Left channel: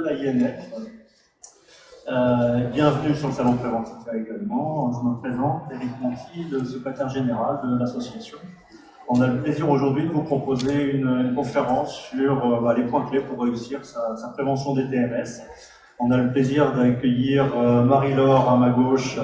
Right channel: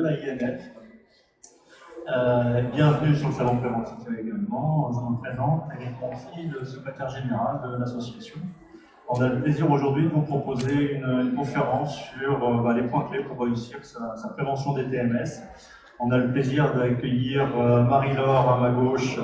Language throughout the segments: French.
de l'AINF. Bienvenue sur le Salon Préventica également. Je me présente, Éric Monti, le secrétaire général de l'association. On a le plaisir aujourd'hui de vous proposer une conférence sur les points clés pour réussir sa prévention des TMS. On a le plaisir d'accueillir Marie-Laure à ma gauche,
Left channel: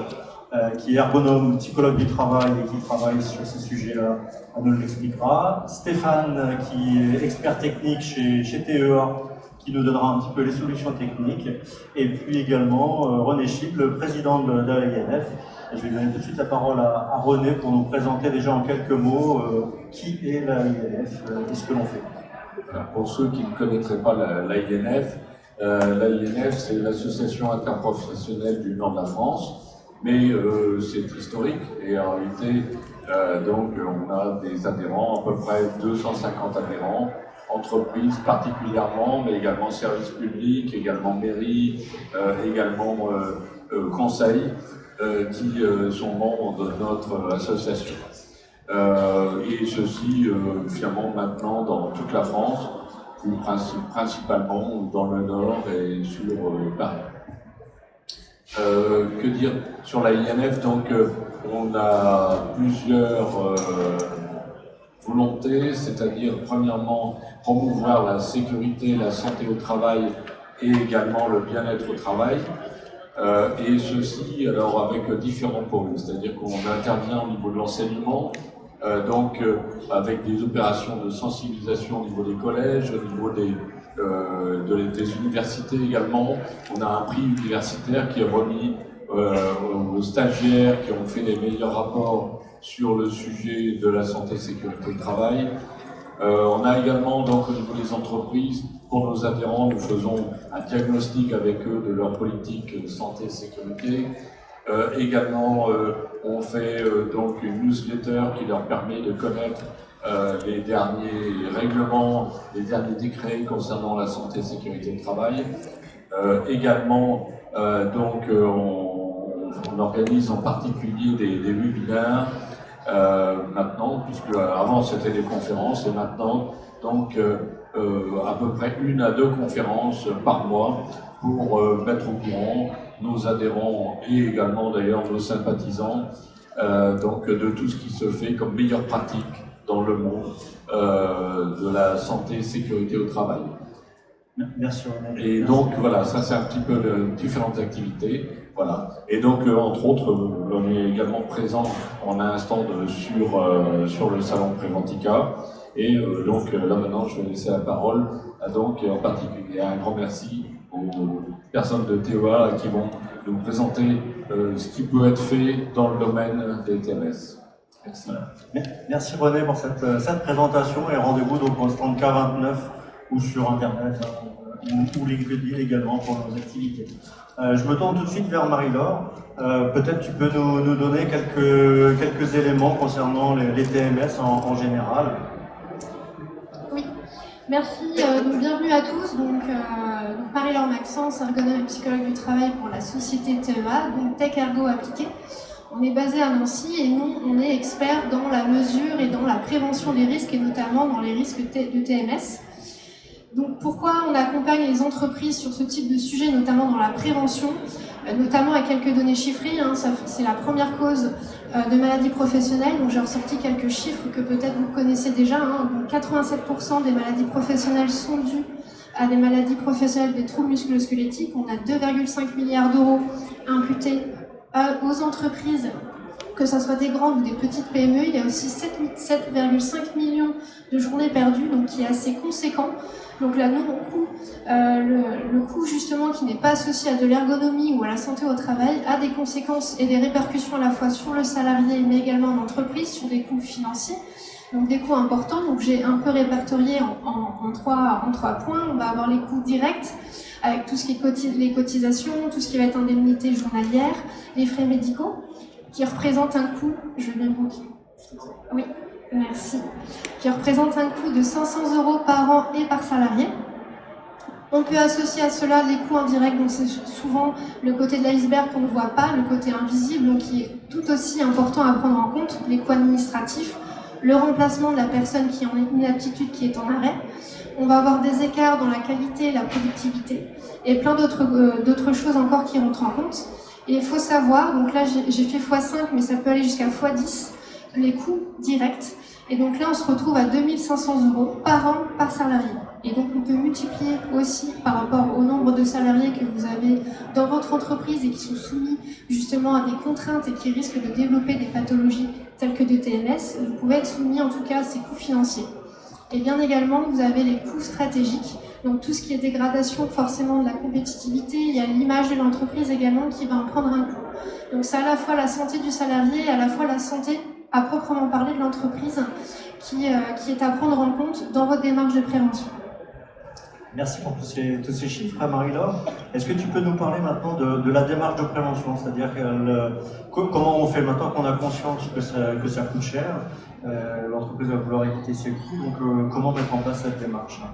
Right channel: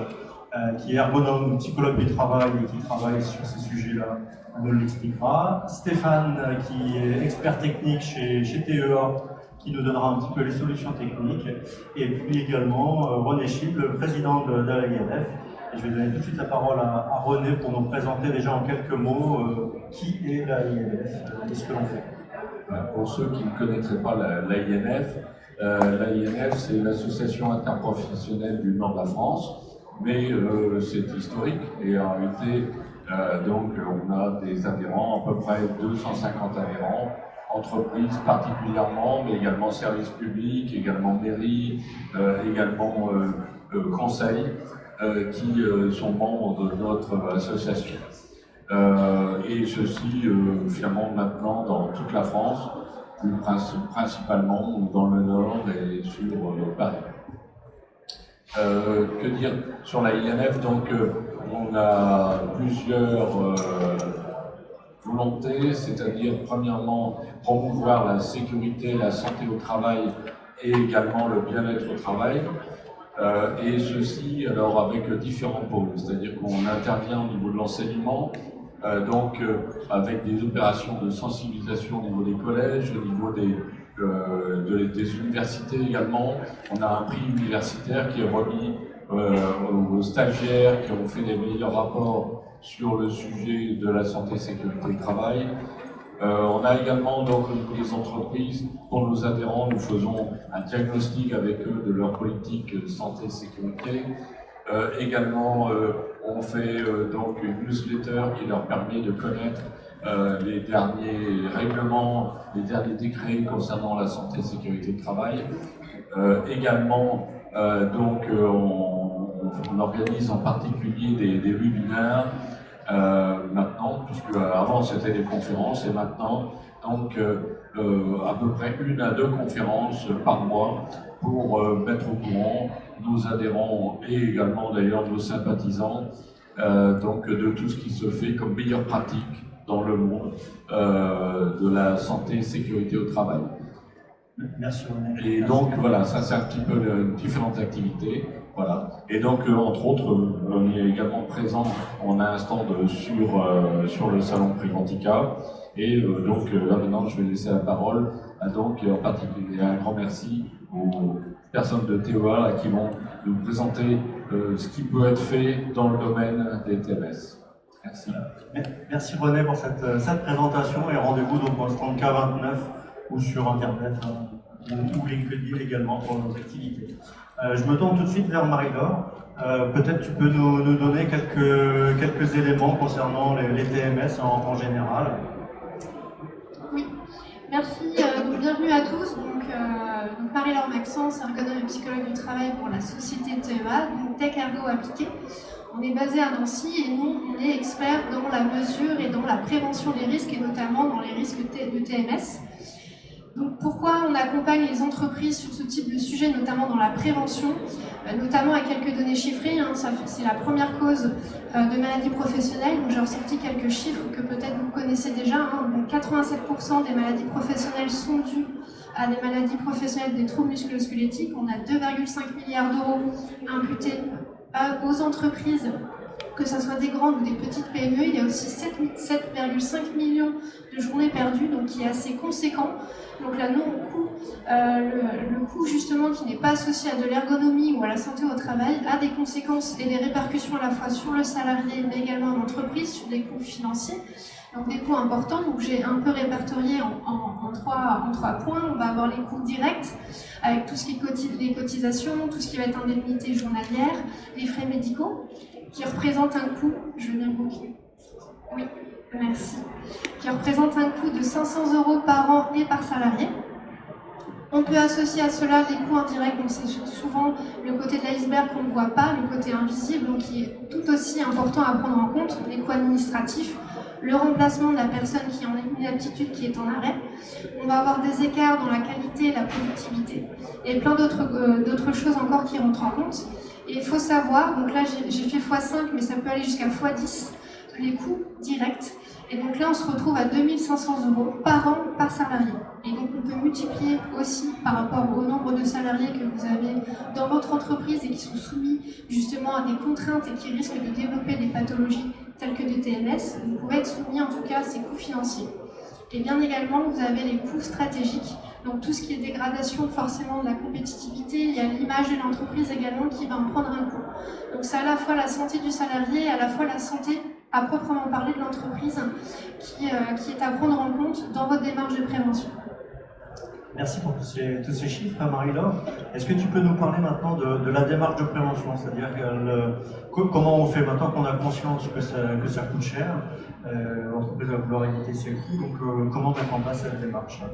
qui est ergonome, psychologue du travail et qui travaille sur ces sujets-là. Elle nous l'expliquera. Stéphane, qui est expert technique chez TEA, qui nous donnera un petit peu les solutions techniques. Et puis également René Chib, le président de l'AINF. Et je vais donner tout de suite la parole à René pour nous présenter déjà en quelques mots qui est l'AINF et ce que l'on fait. Pour ceux qui ne connaîtraient pas l'AINF, l'AINF c'est l'association interprofessionnelle du nord de la France, mais c'est historique et en réalité, donc on a des adhérents, à peu près 250 adhérents, entreprises particulièrement, mais également services publics, également mairies, également conseils qui sont membres de notre association. Et ceci finalement maintenant dans toute la France, principalement dans le Nord et sur Paris. Que dire sur la INF? Donc on a plusieurs volontés, c'est-à-dire premièrement promouvoir la sécurité, la santé au travail et également le bien-être au travail. Et ceci alors avec différents pôles, c'est-à-dire qu'on intervient au niveau de l'enseignement, avec des opérations de sensibilisation au niveau des collèges, au niveau des universités également. On a un prix universitaire qui est remis aux stagiaires qui ont fait les meilleurs rapports sur le sujet de la santé et sécurité au travail. On a également donc les entreprises, pour nos adhérents, nous faisons un diagnostic avec eux de leur politique de santé et sécurité. Également, on fait donc une newsletter qui leur permet de connaître les derniers règlements, les derniers décrets concernant la santé et sécurité au travail. Également, on organise en particulier des webinaires. Maintenant, puisque avant c'était des conférences et maintenant donc à peu près 1 à 2 conférences par mois pour mettre au courant nos adhérents et également d'ailleurs nos sympathisants de tout ce qui se fait comme meilleure pratique dans le monde de la santé et sécurité au travail. Merci René. Et donc voilà, ça c'est un petit peu de différentes activités. Voilà. Et donc entre autres, on est également présent, on a un stand sur le salon Préventica. Et donc là maintenant je vais laisser la parole à donc en particulier un grand merci aux personnes de TEA qui vont nous présenter ce qui peut être fait dans le domaine des TMS. Merci. Merci René pour cette présentation et rendez-vous donc au stand K29 ou sur internet ou LinkedIn également pour nos activités. Je me tourne tout de suite vers Marie-Laure. Peut-être tu peux nous donner quelques éléments concernant les TMS en général. Oui, merci. Donc, bienvenue à tous. Donc Marie-Laure Maxence, ergonome et psychologue du travail pour la société TEA, donc Tech Ergo Appliqué. On est basé à Nancy et nous, on est experts dans la mesure et dans la prévention des risques et notamment dans les risques de TMS. Donc pourquoi on accompagne les entreprises sur ce type de sujet, notamment dans la prévention, notamment avec quelques données chiffrées, c'est la première cause de maladies professionnelles, donc j'ai ressorti quelques chiffres que peut-être vous connaissez déjà. 87% des maladies professionnelles sont dues à des maladies professionnelles des troubles musculo-squelettiques. On a 2,5 milliards d'euros imputés aux entreprises, que ce soit des grandes ou des petites PME. Il y a aussi 7,5 millions de journées perdues, donc qui est assez conséquent. Donc là, nous, le coût justement qui n'est pas associé à de l'ergonomie ou à la santé au travail a des conséquences et des répercussions à la fois sur le salarié mais également en entreprise, sur des coûts financiers, donc des coûts importants. Donc j'ai un peu répertorié en trois points. On va avoir les coûts directs avec tout ce qui est les cotisations, tout ce qui va être indemnité journalière, les frais médicaux qui représentent un coût, je vais m'évoquer. Oui. Merci. Qui représente un coût de 500 € par an et par salarié. On peut associer à cela les coûts indirects, donc c'est souvent le côté de l'iceberg qu'on ne voit pas, le côté invisible, donc qui est tout aussi important à prendre en compte, les coûts administratifs, le remplacement de la personne qui est en inaptitude, qui est en arrêt. On va avoir des écarts dans la qualité et la productivité, et plein d'autres choses encore qui rentrent en compte. Et il faut savoir, donc là j'ai fait x5, mais ça peut aller jusqu'à x10, les coûts directs. Et donc là, on se retrouve à 2500 € par an par salarié. Et donc on peut multiplier aussi par rapport au nombre de salariés que vous avez dans votre entreprise et qui sont soumis justement à des contraintes et qui risquent de développer des pathologies telles que de TMS. Vous pouvez être soumis en tout cas à ces coûts financiers. Et bien également, vous avez les coûts stratégiques. Donc tout ce qui est dégradation forcément de la compétitivité, il y a l'image de l'entreprise également qui va en prendre un coup. Donc c'est à la fois la santé du salarié et à la fois la santé à proprement parler de l'entreprise qui est à prendre en compte dans votre démarche de prévention. Merci pour tous ces chiffres, Marie-Laure. Est-ce que tu peux nous parler maintenant de la démarche de prévention, c'est-à-dire comment on fait maintenant qu'on a conscience que ça coûte cher, l'entreprise va vouloir éviter ses coûts, donc comment mettre en place cette démarche-là?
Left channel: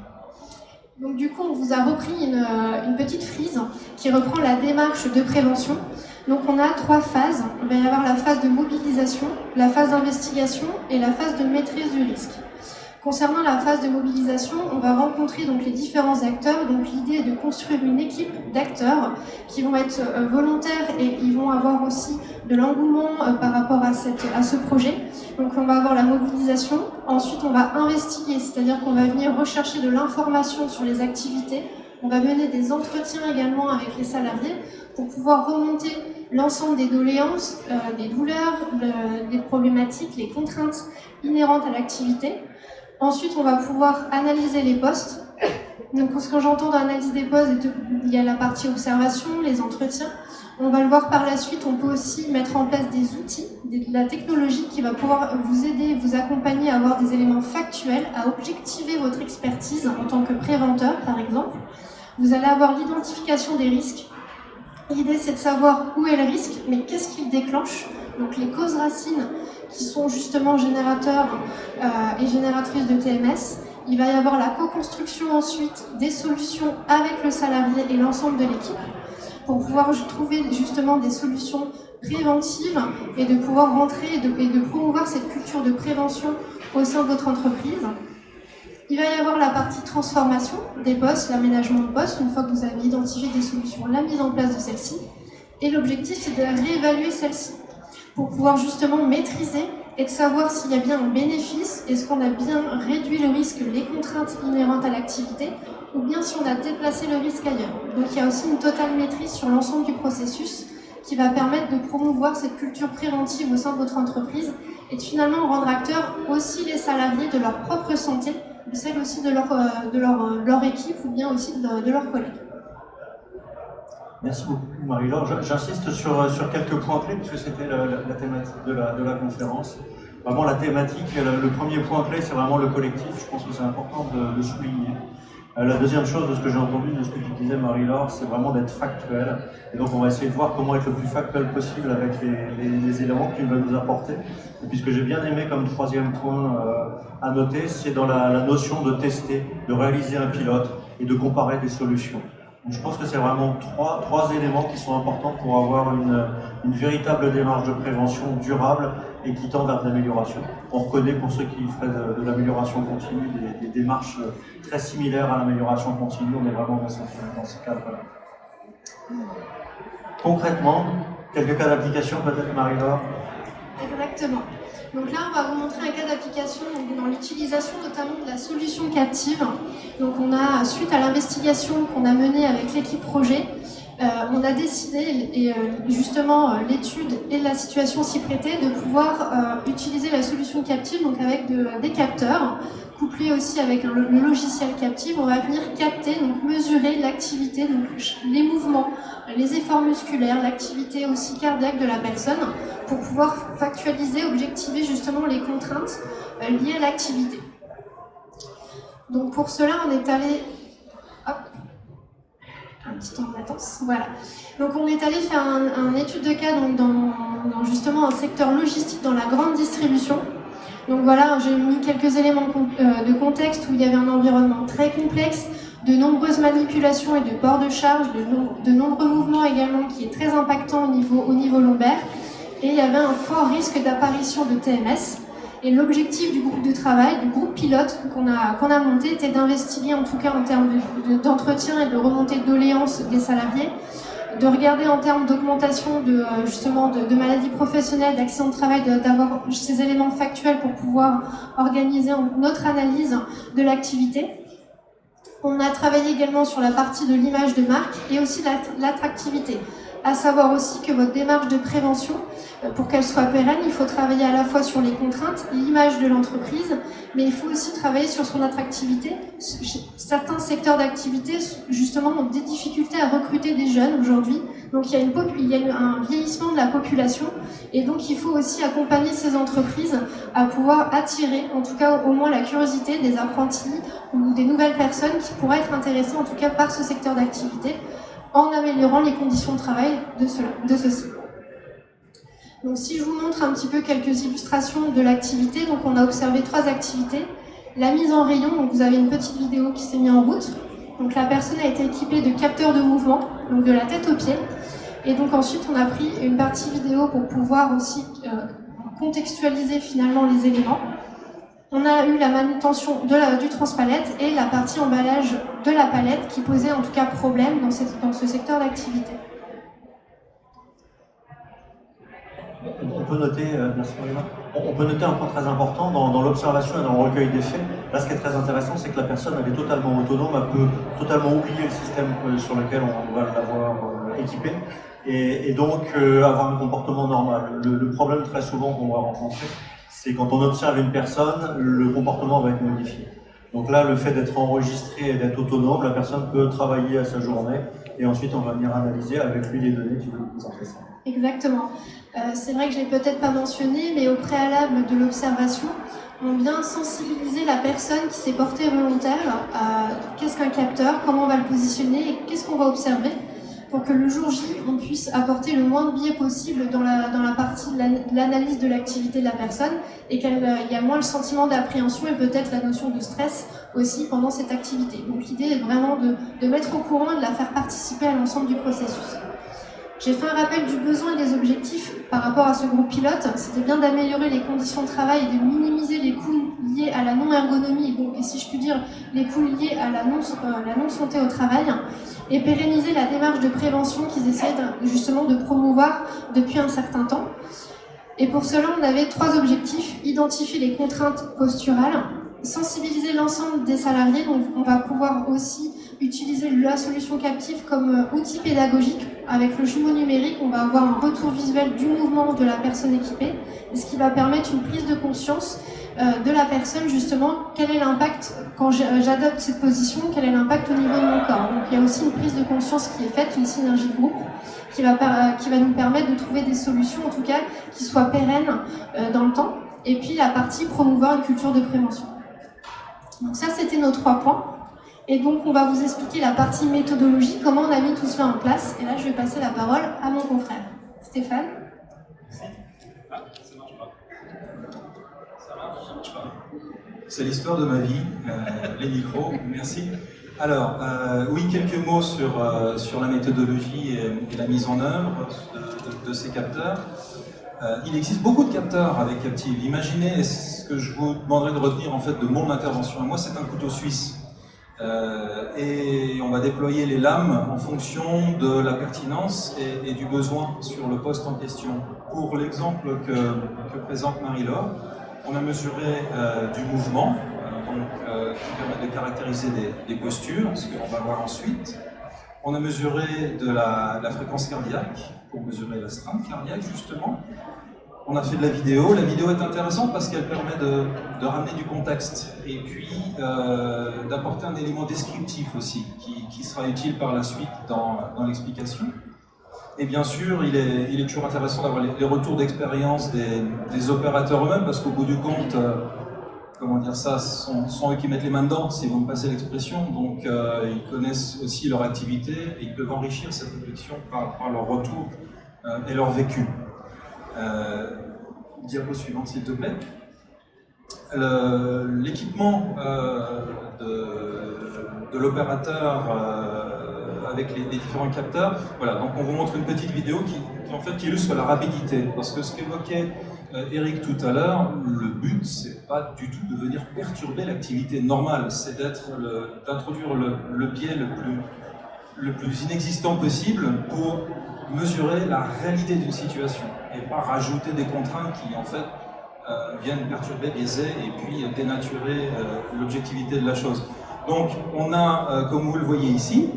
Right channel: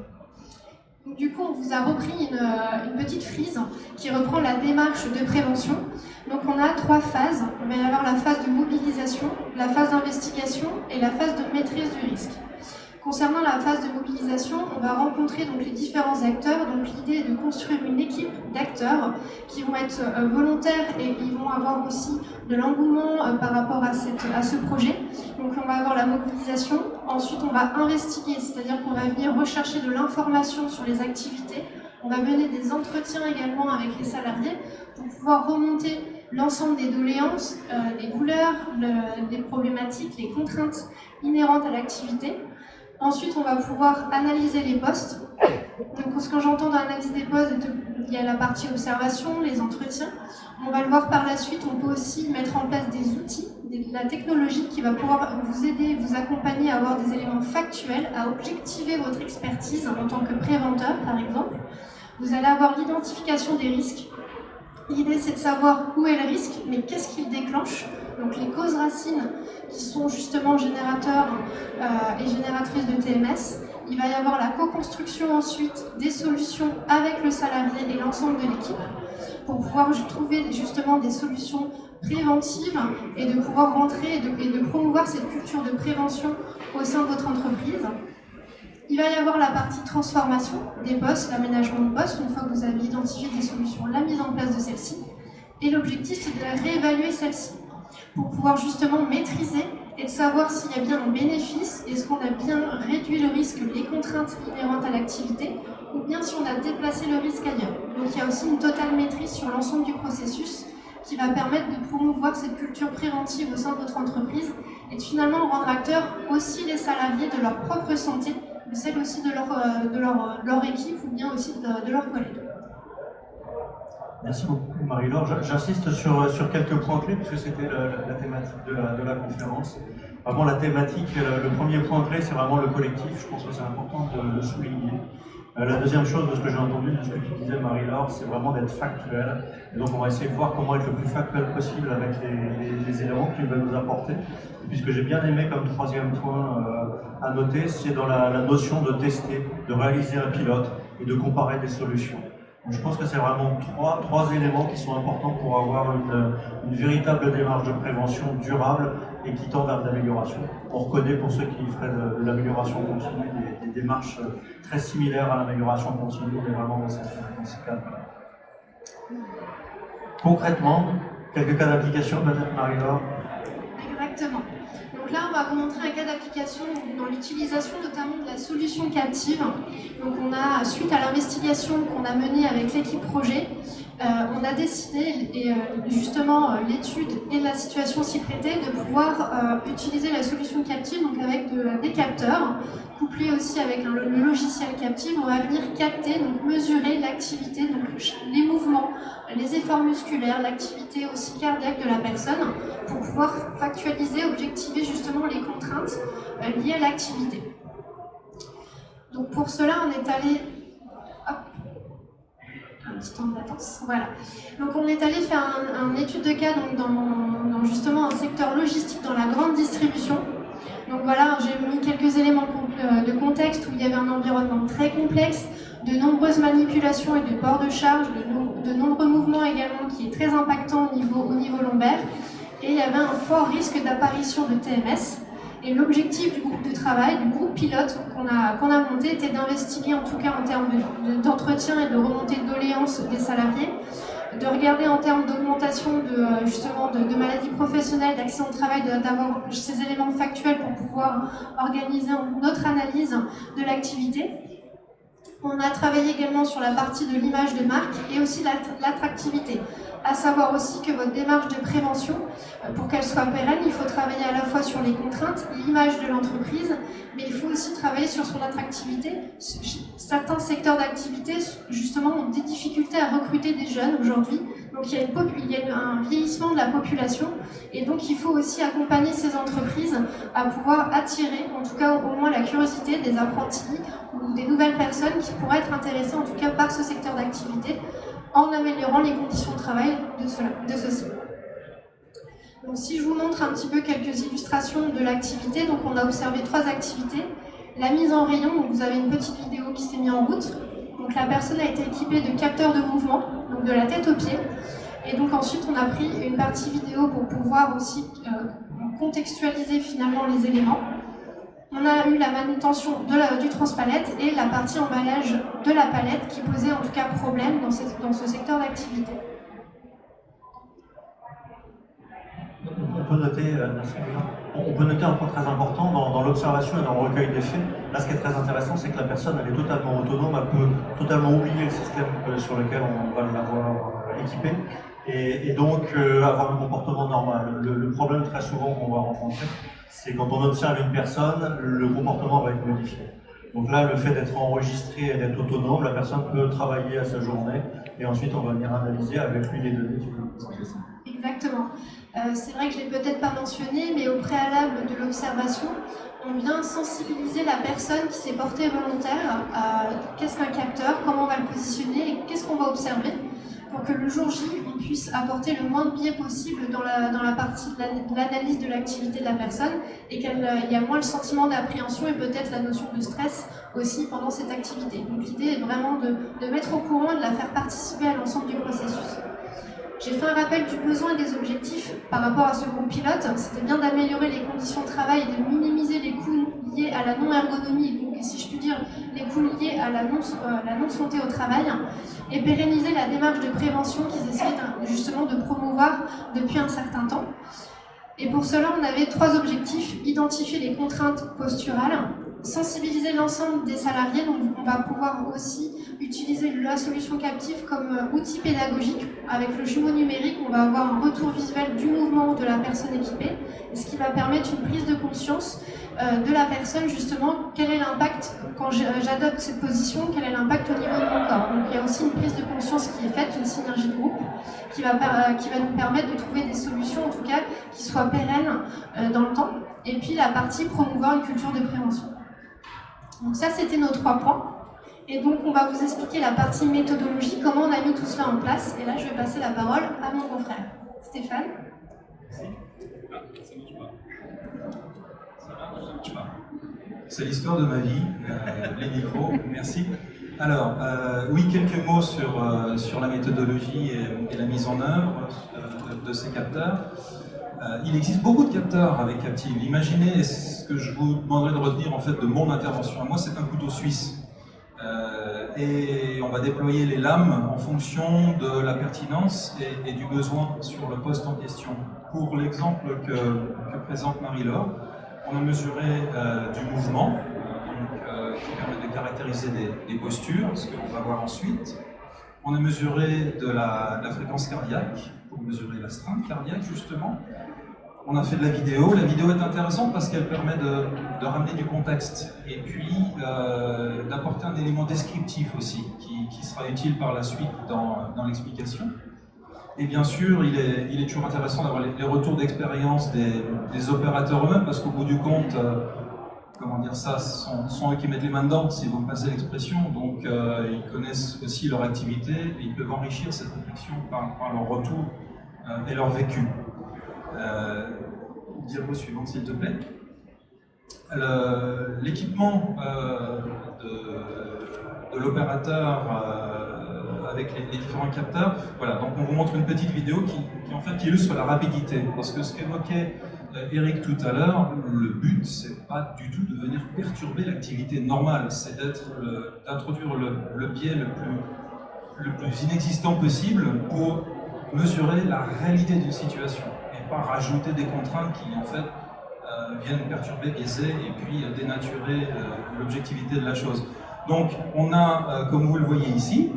Donc du coup, on vous a repris une petite frise qui reprend la démarche de prévention. Donc on a 3 phases. Il va y avoir la phase de mobilisation, la phase d'investigation et la phase de maîtrise du risque. Concernant la phase de mobilisation, on va rencontrer donc les différents acteurs. Donc l'idée est de construire une équipe d'acteurs qui vont être volontaires et ils vont avoir aussi de l'engouement par rapport à ce projet. Donc on va avoir la mobilisation, ensuite on va investiguer, c'est-à-dire qu'on va venir rechercher de l'information sur les activités. On va mener des entretiens également avec les salariés pour pouvoir remonter l'ensemble des doléances, des douleurs, des problématiques, les contraintes inhérentes à l'activité. Ensuite, on va pouvoir analyser les postes. Donc, ce que j'entends dans l'analyse des postes, il y a la partie observation, les entretiens. On va le voir par la suite, on peut aussi mettre en place des outils, de la technologie qui va pouvoir vous aider, vous accompagner à avoir des éléments factuels, à objectiver votre expertise en tant que préventeur, par exemple. Vous allez avoir l'identification des risques. L'idée, c'est de savoir où est le risque, mais qu'est-ce qui le déclenche. Donc, les causes racines qui sont justement générateurs et génératrices de TMS. Il va y avoir la co-construction ensuite des solutions avec le salarié et l'ensemble de l'équipe pour pouvoir trouver justement des solutions préventives et de pouvoir rentrer et de promouvoir cette culture de prévention au sein de votre entreprise. Il va y avoir la partie transformation des postes, l'aménagement de postes, une fois que vous avez identifié des solutions, la mise en place de celles-ci. Et l'objectif, c'est de réévaluer celles-ci pour pouvoir justement maîtriser et de savoir s'il y a bien un bénéfice, est-ce qu'on a bien réduit le risque, les contraintes inhérentes à l'activité, ou bien si on a déplacé le risque ailleurs. Donc il y a aussi une totale maîtrise sur l'ensemble du processus qui va permettre de promouvoir cette culture préventive au sein de votre entreprise et de finalement rendre acteurs aussi les salariés de leur propre santé, mais celle aussi de leur équipe ou bien aussi de leurs collègues. Merci beaucoup Marie-Laure. J'insiste sur quelques points clés parce que c'était la thématique de la conférence. Vraiment la thématique, le premier point clé c'est vraiment le collectif, je pense que c'est important de souligner. La deuxième chose de ce que j'ai entendu, de ce que tu disais Marie-Laure, c'est vraiment d'être factuel. Et donc on va essayer de voir comment être le plus factuel possible avec les éléments que tu veux nous apporter. Et puis ce que j'ai bien aimé comme troisième point à noter, c'est dans la notion de tester, de réaliser un pilote et de comparer des solutions. Je pense que c'est vraiment trois éléments qui sont importants pour avoir une véritable démarche de prévention durable et qui tend vers l'amélioration. On reconnaît pour ceux qui feraient de l'amélioration continue des démarches très similaires à l'amélioration continue, on est vraiment dans ce cadre-là. Concrètement, quelques cas d'application peut-être Marie-Laure? Exactement. Donc là, on va vous montrer un cas d'application dans l'utilisation notamment de la solution captive. Donc on a, suite à l'investigation qu'on a menée avec l'équipe projet, on a décidé, et justement l'étude et la situation s'y prêtaient, de pouvoir utiliser la solution captive donc avec des capteurs, couplés aussi avec le logiciel captive. On va venir capter, donc mesurer l'activité, donc les mouvements, les efforts musculaires, l'activité aussi cardiaque de la personne, pour pouvoir factualiser, objectiver justement les contraintes liées à l'activité. Donc pour cela, on est allé... Hop, un petit temps de latence, voilà. Donc on est allé faire une étude de cas donc dans justement un secteur logistique dans la grande distribution. Donc voilà, j'ai mis quelques éléments de contexte où il y avait un environnement très complexe, de nombreuses manipulations et de port de charge, de nombreux mouvements également qui est très impactant au niveau lombaire. Et il y avait un fort risque d'apparition de TMS. Et l'objectif du groupe de travail, du groupe pilote qu'on a monté, était d'investiguer, en tout cas en termes d'entretien et de remontée de doléances des salariés, de regarder en termes d'augmentation de maladies professionnelles, d'accidents de travail, d'avoir ces éléments factuels pour pouvoir organiser notre analyse de l'activité. On a travaillé également sur la partie de l'image de marque et aussi l'attractivité. À savoir aussi que votre démarche de prévention, pour qu'elle soit pérenne, il faut travailler à la fois sur les contraintes, l'image de l'entreprise, mais il faut aussi travailler sur son attractivité. Certains secteurs d'activité, justement, ont des difficultés à recruter des jeunes aujourd'hui. Donc il y a un vieillissement de la population, et donc il faut aussi accompagner ces entreprises à pouvoir attirer, en tout cas au moins la curiosité des apprentis ou des nouvelles personnes qui pourraient être intéressées en tout cas par ce secteur d'activité, en améliorant les conditions de travail de ceux-ci. Donc si je vous montre un petit peu quelques illustrations de l'activité, donc on a observé 3 activités. La mise en rayon, donc vous avez une petite vidéo qui s'est mise en route. Donc la personne a été équipée de capteurs de mouvement, donc de la tête aux pieds. Et donc ensuite on a pris une partie vidéo pour pouvoir aussi contextualiser finalement les éléments. On a eu la manutention du transpalette et la partie emballage de la palette qui posait en tout cas problème dans ce secteur d'activité. On peut noter, on peut noter un point très important dans l'observation et dans le recueil des faits. Là, ce qui est très intéressant, c'est que la personne elle est totalement autonome, elle peut totalement oublier le système sur lequel on va l'avoir équipé et donc avoir un comportement normal. Le problème très souvent qu'on va rencontrer, c'est quand on observe une personne, le comportement va être modifié. Donc là, le fait d'être enregistré et d'être autonome, la personne peut travailler à sa journée et ensuite on va venir analyser avec lui les données du coup. Exactement. C'est vrai que je ne l'ai peut-être pas mentionné, mais au préalable de l'observation, on vient sensibiliser la personne qui s'est portée volontaire. Qu'est-ce qu'un capteur, comment on va le positionner et qu'est-ce qu'on va observer pour que le jour J, on puisse apporter le moins de biais possible dans la partie de l'analyse de l'activité de la personne et qu'il y a moins le sentiment d'appréhension et peut-être la notion de stress aussi pendant cette activité. Donc l'idée est vraiment de mettre au courant et de la faire participer à l'ensemble du processus. J'ai fait un rappel du besoin et des objectifs par rapport à ce groupe pilote. C'était bien d'améliorer les conditions de travail et de minimiser les coûts liés à la non-ergonomie, donc et si je puis dire les coûts liés à la non-santé au travail, et pérenniser la démarche de prévention qu'ils essaient justement de promouvoir depuis un certain temps. Et pour cela, on avait 3 objectifs: identifier les contraintes posturales, sensibiliser l'ensemble des salariés, donc on va pouvoir aussi utiliser la solution captive comme outil pédagogique. Avec le jumeau numérique, on va avoir un retour visuel du mouvement de la personne équipée, ce qui va permettre une prise de conscience de la personne, justement, quel est l'impact, quand j'adopte cette position, quel est l'impact au niveau de mon corps. Donc il y a aussi une prise de conscience qui est faite, une synergie de groupe, qui va nous permettre de trouver des solutions, en tout cas, qui soient pérennes dans le temps. Et puis la partie promouvoir une culture de prévention. Donc ça, c'était nos 3 points. Et donc, on va vous expliquer la partie méthodologie, comment on a mis tout cela en place. Et là, je vais passer la parole à mon confrère. Stéphane. Ah, ça marche pas. Ça marche pas. C'est l'histoire de ma vie, les micros, merci. Alors, oui, quelques mots sur la méthodologie et la mise en œuvre de ces capteurs. Il existe beaucoup de capteurs avec Captive. Imaginez ce que je vous demanderais de retenir en fait de mon intervention. Moi, c'est un couteau suisse. Et on va déployer les lames en fonction de la pertinence et du besoin sur le poste en question. Pour l'exemple que présente Marie-Laure, on a mesuré du mouvement, qui permet de caractériser des postures, ce qu'on va voir ensuite. On a mesuré de la fréquence cardiaque, pour mesurer la strate cardiaque justement. On a fait de la vidéo. La vidéo est intéressante parce qu'elle permet de ramener du contexte et puis d'apporter un élément descriptif aussi qui sera utile par la suite dans l'explication. Et bien sûr, il est toujours intéressant d'avoir les retours d'expérience des opérateurs eux-mêmes parce qu'au bout du compte, comment dire ça, sont eux qui mettent les mains dedans, si vous me passez l'expression. Donc ils connaissent aussi leur activité et ils peuvent enrichir cette réflexion par leur retour et leur vécu. Diapo suivante s'il te plaît. L'équipement de l'opérateur avec les différents capteurs. Voilà, donc on vous montre une petite vidéo qui en fait illustre la rapidité. Parce que ce qu'évoquait Eric tout à l'heure, le but, c'est pas du tout de venir perturber l'activité normale, c'est d'introduire le biais le plus inexistant possible pour mesurer la réalité d'une situation et pas rajouter des contraintes qui en fait viennent perturber, biaiser et puis dénaturer l'objectivité de la chose. Donc on a, comme vous le voyez ici,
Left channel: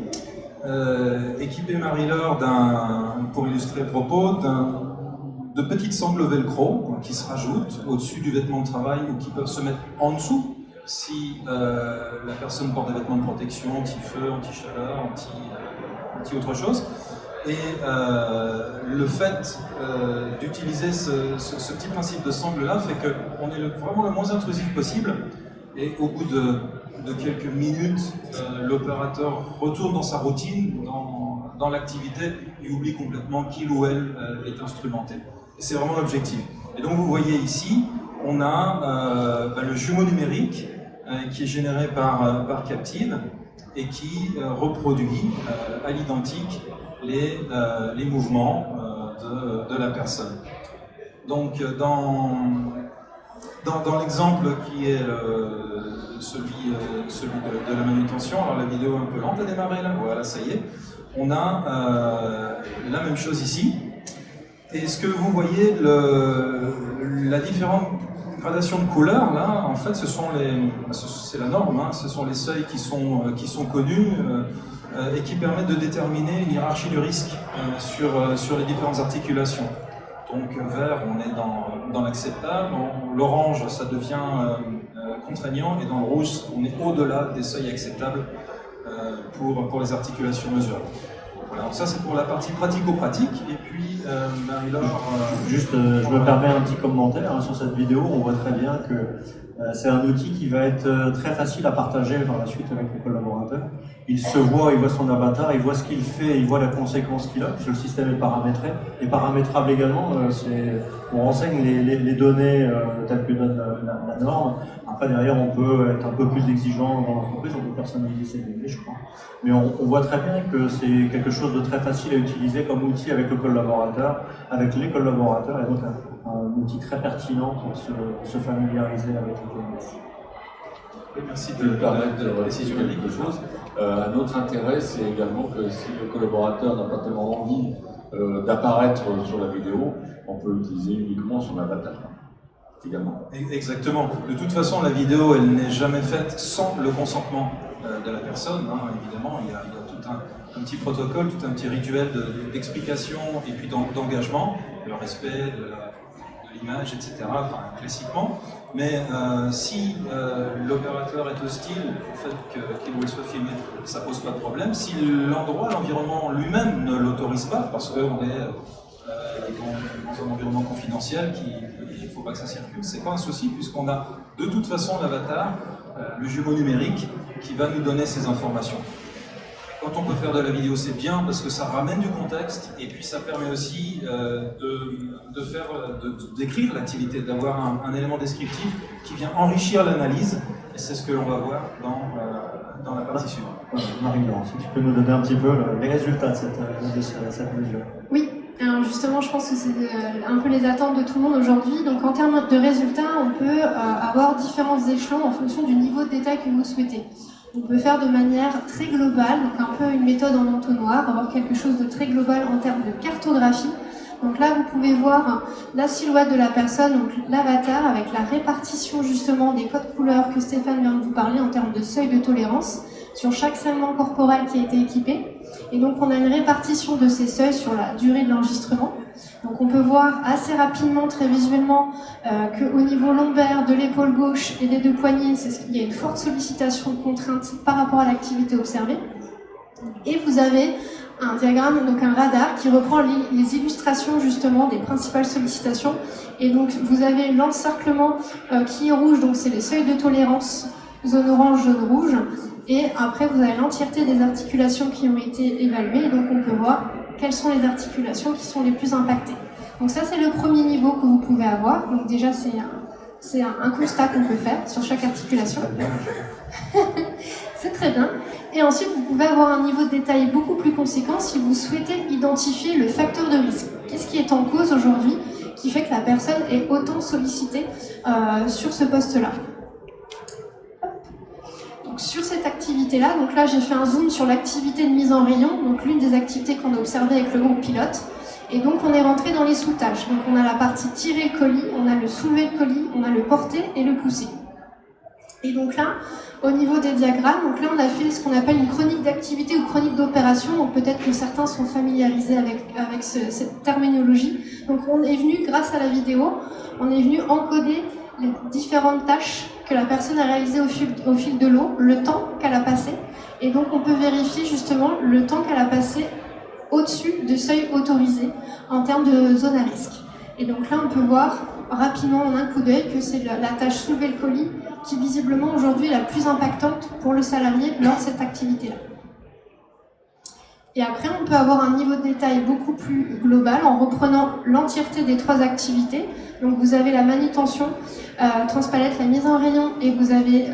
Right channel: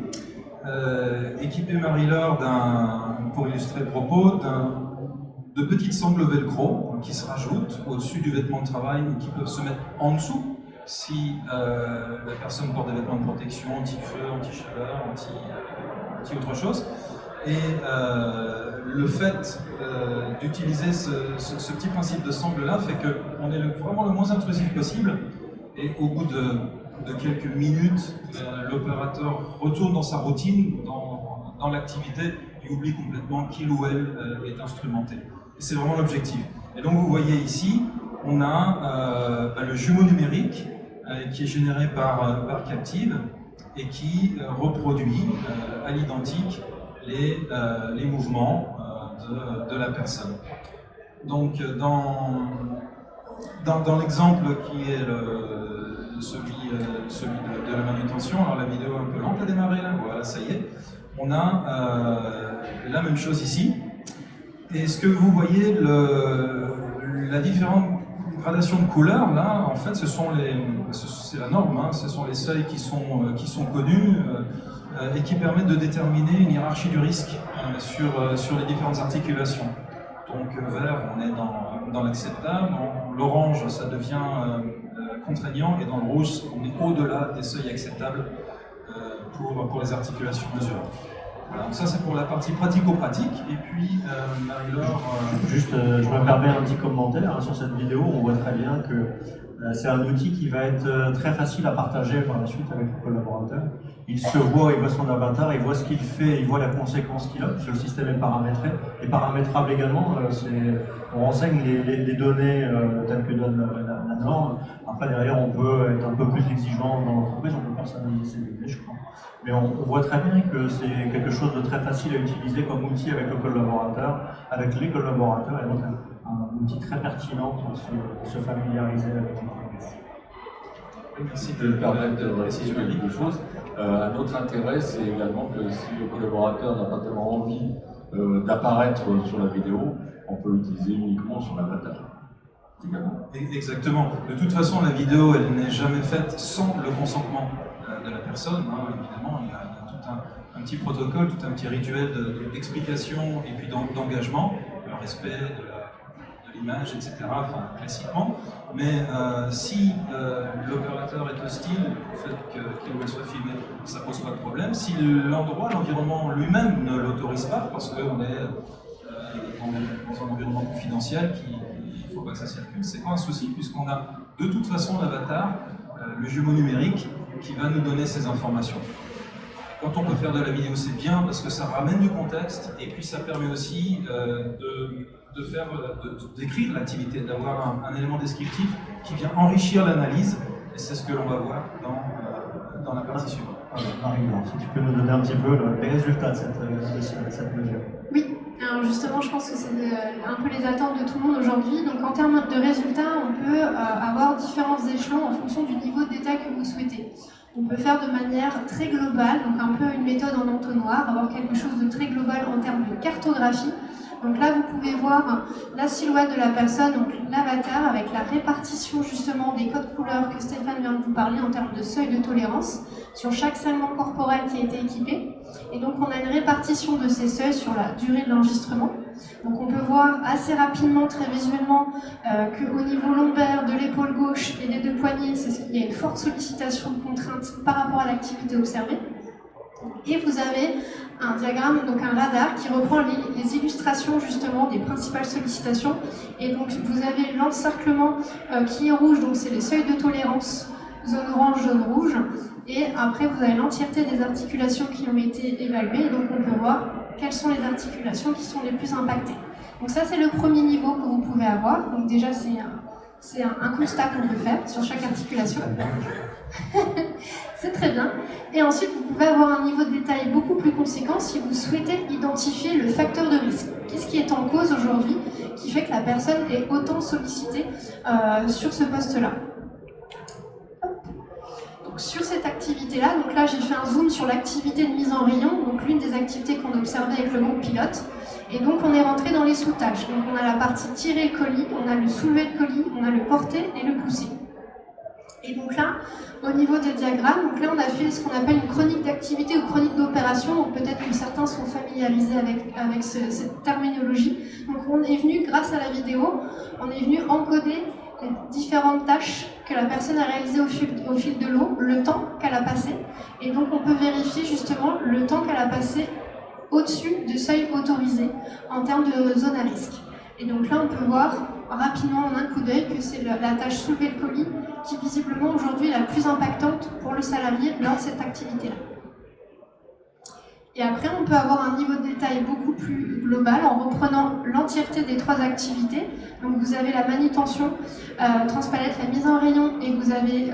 équipé Marie-Laure pour illustrer le propos, de petites sangles velcro qui se rajoutent au-dessus du vêtement de travail ou qui peuvent se mettre en dessous si la personne porte des vêtements de protection, anti-feu, anti-chaleur, anti-autre chose. Et le fait d'utiliser ce petit principe de sangle-là fait qu'on est vraiment le moins intrusif possible. Et au bout de quelques minutes, l'opérateur retourne dans sa routine, dans l'activité, il oublie complètement qu'il ou elle est instrumenté. Et c'est vraiment l'objectif. Et donc vous voyez ici, on a le jumeau numérique qui est généré par Captive et qui reproduit à l'identique les mouvements de la personne. Donc dans l'exemple qui est celui de la manutention, alors la vidéo un peu lente à démarrer là, voilà, ça y est, on a la même chose ici. Et ce que vous voyez, la différente gradation de couleurs, là, en fait, c'est la norme, hein, ce sont les seuils qui sont connus et qui permettent de déterminer une hiérarchie du risque sur les différentes articulations. Donc vert, on est dans l'acceptable, l'orange, ça devient contraignant, et dans le rouge, on est au-delà des seuils acceptables pour les articulations mesurées. Voilà, donc ça c'est pour la partie pratico-pratique, et puis Marie-Laure... Juste, je me permets un petit commentaire hein, sur cette vidéo. On voit très bien que c'est un outil qui va être très facile à partager par la suite avec les collaborateurs. Il se voit, il voit son avatar, il voit ce qu'il fait, il voit la conséquence qu'il a, parce que le système est paramétré, et paramétrable également. On renseigne les données telles que donne la norme. Après, derrière, on peut être un peu plus exigeant dans l'entreprise, on peut personnaliser ses données, je crois. Mais on voit très bien que c'est quelque chose de très facile à utiliser comme outil avec le collaborateur, avec les collaborateurs, et donc un outil très pertinent pour se familiariser avec les données. Oui, merci de me permettre de préciser quelque chose. Un autre intérêt, c'est également que si le collaborateur n'a pas tellement envie d'apparaître sur la vidéo, on peut l'utiliser uniquement sur l'avatar. Exactement. De toute façon, la vidéo, elle n'est jamais faite sans le consentement de la personne. Hein. Évidemment, il y a tout un petit protocole, tout un petit rituel d'explication et puis d'engagement, le respect de l'image, etc. Enfin, classiquement. Mais si l'opérateur est hostile au fait qu'il doit se filmer, ça pose pas de problème. Si l'environnement lui-même ne l'autorise pas, parce qu'on est dans un environnement confidentiel il ne faut pas que ça circule, c'est pas un souci, puisqu'on a de toute façon l'avatar, le jumeau numérique, qui va nous donner ces informations. Quand on peut faire de la vidéo, c'est bien parce que ça ramène du contexte et puis ça permet aussi de décrire l'activité, d'avoir un élément descriptif qui vient enrichir l'analyse, et c'est ce que l'on va voir dans la partie suivante. Marie-Laure, si tu peux nous donner un petit peu les résultats de cette mesure. Oui, alors justement, je pense que c'est un peu les attentes de tout le monde aujourd'hui. Donc en termes de résultats, on peut avoir différents échelons en fonction du niveau de détail que vous souhaitez. On peut faire de manière très globale, donc un peu une méthode en entonnoir, avoir quelque chose de très global en termes de cartographie. Donc là, vous pouvez voir la silhouette de la personne, donc l'avatar, avec la répartition justement des codes couleurs que Stéphane vient de vous parler en termes de seuil de tolérance sur chaque segment corporel qui a été équipé. Et donc on a une répartition de ces seuils sur la durée de l'enregistrement. Donc on peut voir assez rapidement, très visuellement, qu'au niveau lombaire, de l'épaule gauche et des deux poignets, il y a une forte sollicitation de contrainte par rapport à l'activité observée. Et vous avez un diagramme, donc un radar, qui reprend les illustrations justement des principales sollicitations. Et donc vous avez l'encerclement qui est rouge, donc c'est les seuils de tolérance, zone orange, zone rouge. Et après vous avez l'entièreté des articulations qui ont été évaluées, et donc on peut voir quelles sont les articulations qui sont les plus impactées. Donc ça c'est le premier niveau que vous pouvez avoir, donc déjà c'est un constat qu'on peut faire sur chaque articulation. c'est très bien. Et ensuite, vous pouvez avoir un niveau de détail beaucoup plus conséquent si vous souhaitez identifier le facteur de risque. Qu'est-ce qui est en cause aujourd'hui qui fait que la personne est autant sollicitée sur ce poste-là? Sur cette activité-là, donc là j'ai fait un zoom sur l'activité de mise en rayon, donc l'une des activités qu'on observait avec le groupe pilote. Et donc on est rentré dans les sous-tâches. Donc on a la partie tirer le colis, on a le soulever le colis, on a le porter et le pousser. Et donc là, au niveau des diagrammes, donc là on a fait ce qu'on appelle une chronique d'activité ou chronique d'opération. Donc peut-être que certains sont familiarisés avec cette terminologie. Donc on est venu, grâce à la vidéo, on est venu encoder les différentes tâches que la personne a réalisées au fil de l'eau, le temps qu'elle a passé. Et donc on peut vérifier justement le temps qu'elle a passé au-dessus de seuil autorisé en termes de zone à risque. Et donc là on peut voir rapidement en un coup d'œil que c'est la tâche soulever le colis qui visiblement aujourd'hui est la plus impactante pour le salarié lors de cette activité-là. Et après, on peut avoir un niveau de détail beaucoup plus global en reprenant l'entièreté des 3 activités. Donc vous avez la manutention, transpalette, la mise en rayon, et vous avez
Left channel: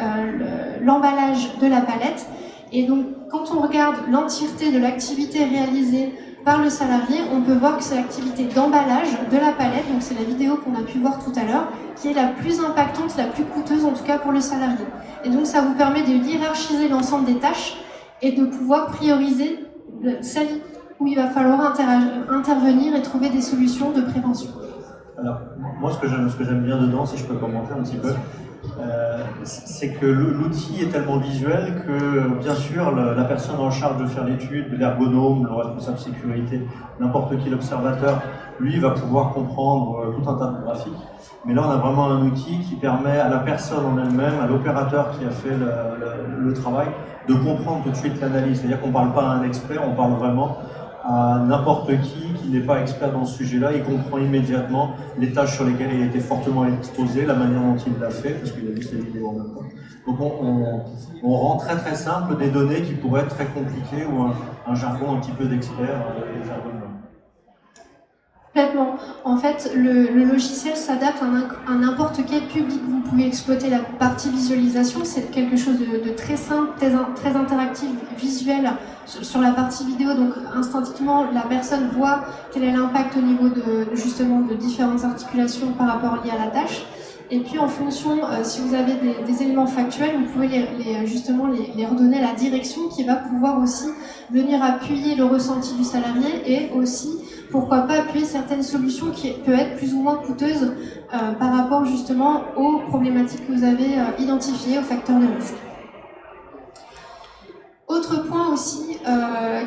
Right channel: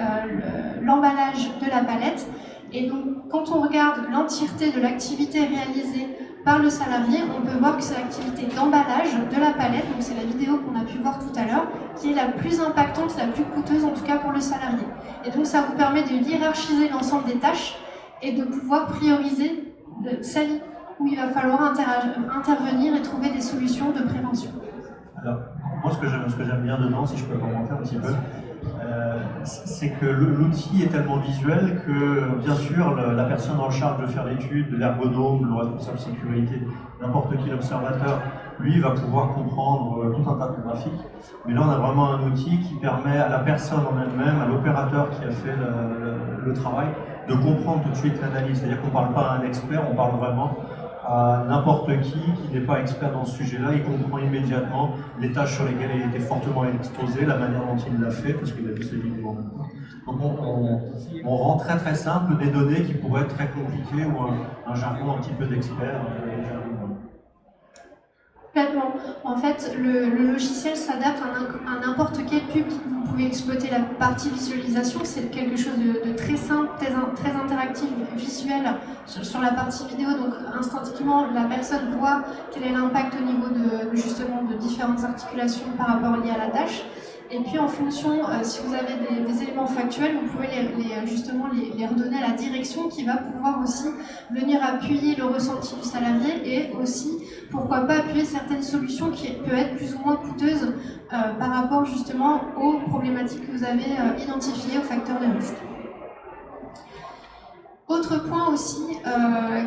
l'emballage de la palette. Et donc, quand on regarde l'entièreté de l'activité réalisée par le salarié, on peut voir que c'est l'activité d'emballage de la palette, donc c'est la vidéo qu'on a pu voir tout à l'heure, qui est la plus impactante, la plus coûteuse en tout cas pour le salarié. Et donc ça vous permet de hiérarchiser l'ensemble des tâches et de pouvoir prioriser celle où il va falloir intervenir et trouver des solutions de prévention. Alors, moi, ce que j'aime bien dedans, si je peux commenter un petit peu, c'est que l'outil est tellement visuel que, bien sûr, la personne en charge de faire l'étude, l'ergonome, le responsable sécurité, n'importe qui, l'observateur, lui, va pouvoir comprendre tout un tas de graphiques. Mais là, on a vraiment un outil qui permet à la personne en elle-même, à l'opérateur qui a fait le travail, de comprendre tout de suite l'analyse. C'est-à-dire qu'on ne parle pas à un expert, on parle vraiment à n'importe qui n'est pas expert dans ce sujet-là. Il comprend immédiatement les tâches sur lesquelles il était fortement exposé, la manière dont il l'a fait, parce qu'il a vu ses vidéos en même temps. Donc on rend très très simple des données qui pourraient être très compliquées ou un jargon un petit peu d'expert. Complètement. En fait, le logiciel s'adapte à n'importe quel public. Vous pouvez exploiter la partie visualisation, c'est quelque chose de très simple, très interactif, visuel sur la partie vidéo. Donc instinctivement, la personne voit quel est l'impact au niveau justement de différentes articulations par rapport liées à la tâche. Et puis en fonction, si vous avez des éléments factuels, vous pouvez justement les redonner à la direction qui va pouvoir aussi venir appuyer le ressenti du salarié et aussi, pourquoi pas, appuyer certaines solutions qui peuvent être plus ou moins coûteuses par rapport justement aux problématiques que vous avez identifiées, aux facteurs de risque. Autre point aussi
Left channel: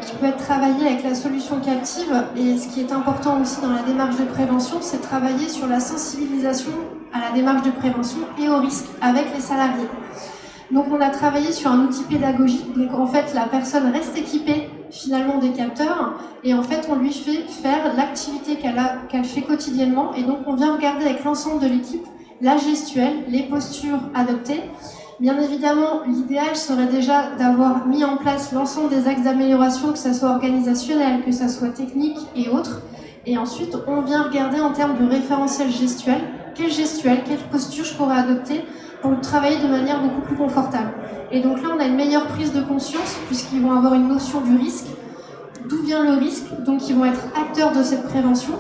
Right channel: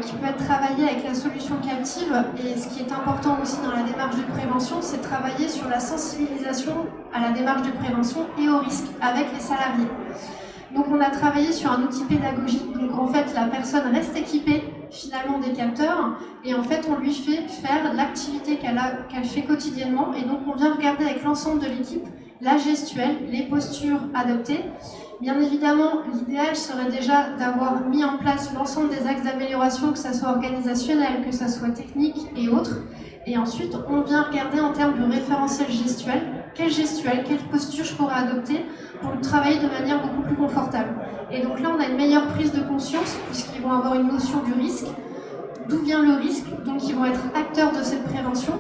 qui peut être travaillé avec la solution captive, et ce qui est important aussi dans la démarche de prévention, c'est de travailler sur la sensibilisation à la démarche de prévention et au risque avec les salariés. Donc on a travaillé sur un outil pédagogique, donc en fait la personne reste équipée finalement des capteurs et en fait on lui fait faire l'activité qu'elle fait quotidiennement et donc on vient regarder avec l'ensemble de l'équipe la gestuelle, les postures adoptées. Bien évidemment, l'idéal serait déjà d'avoir mis en place l'ensemble des axes d'amélioration, que ce soit organisationnel, que ce soit technique et autres. Et ensuite, on vient regarder en termes de référentiel gestuel, quelle posture je pourrais adopter pour travailler de manière beaucoup plus confortable. Et donc là, on a une meilleure prise de conscience, puisqu'ils vont avoir une notion du risque, d'où vient le risque, donc ils vont être acteurs de cette prévention,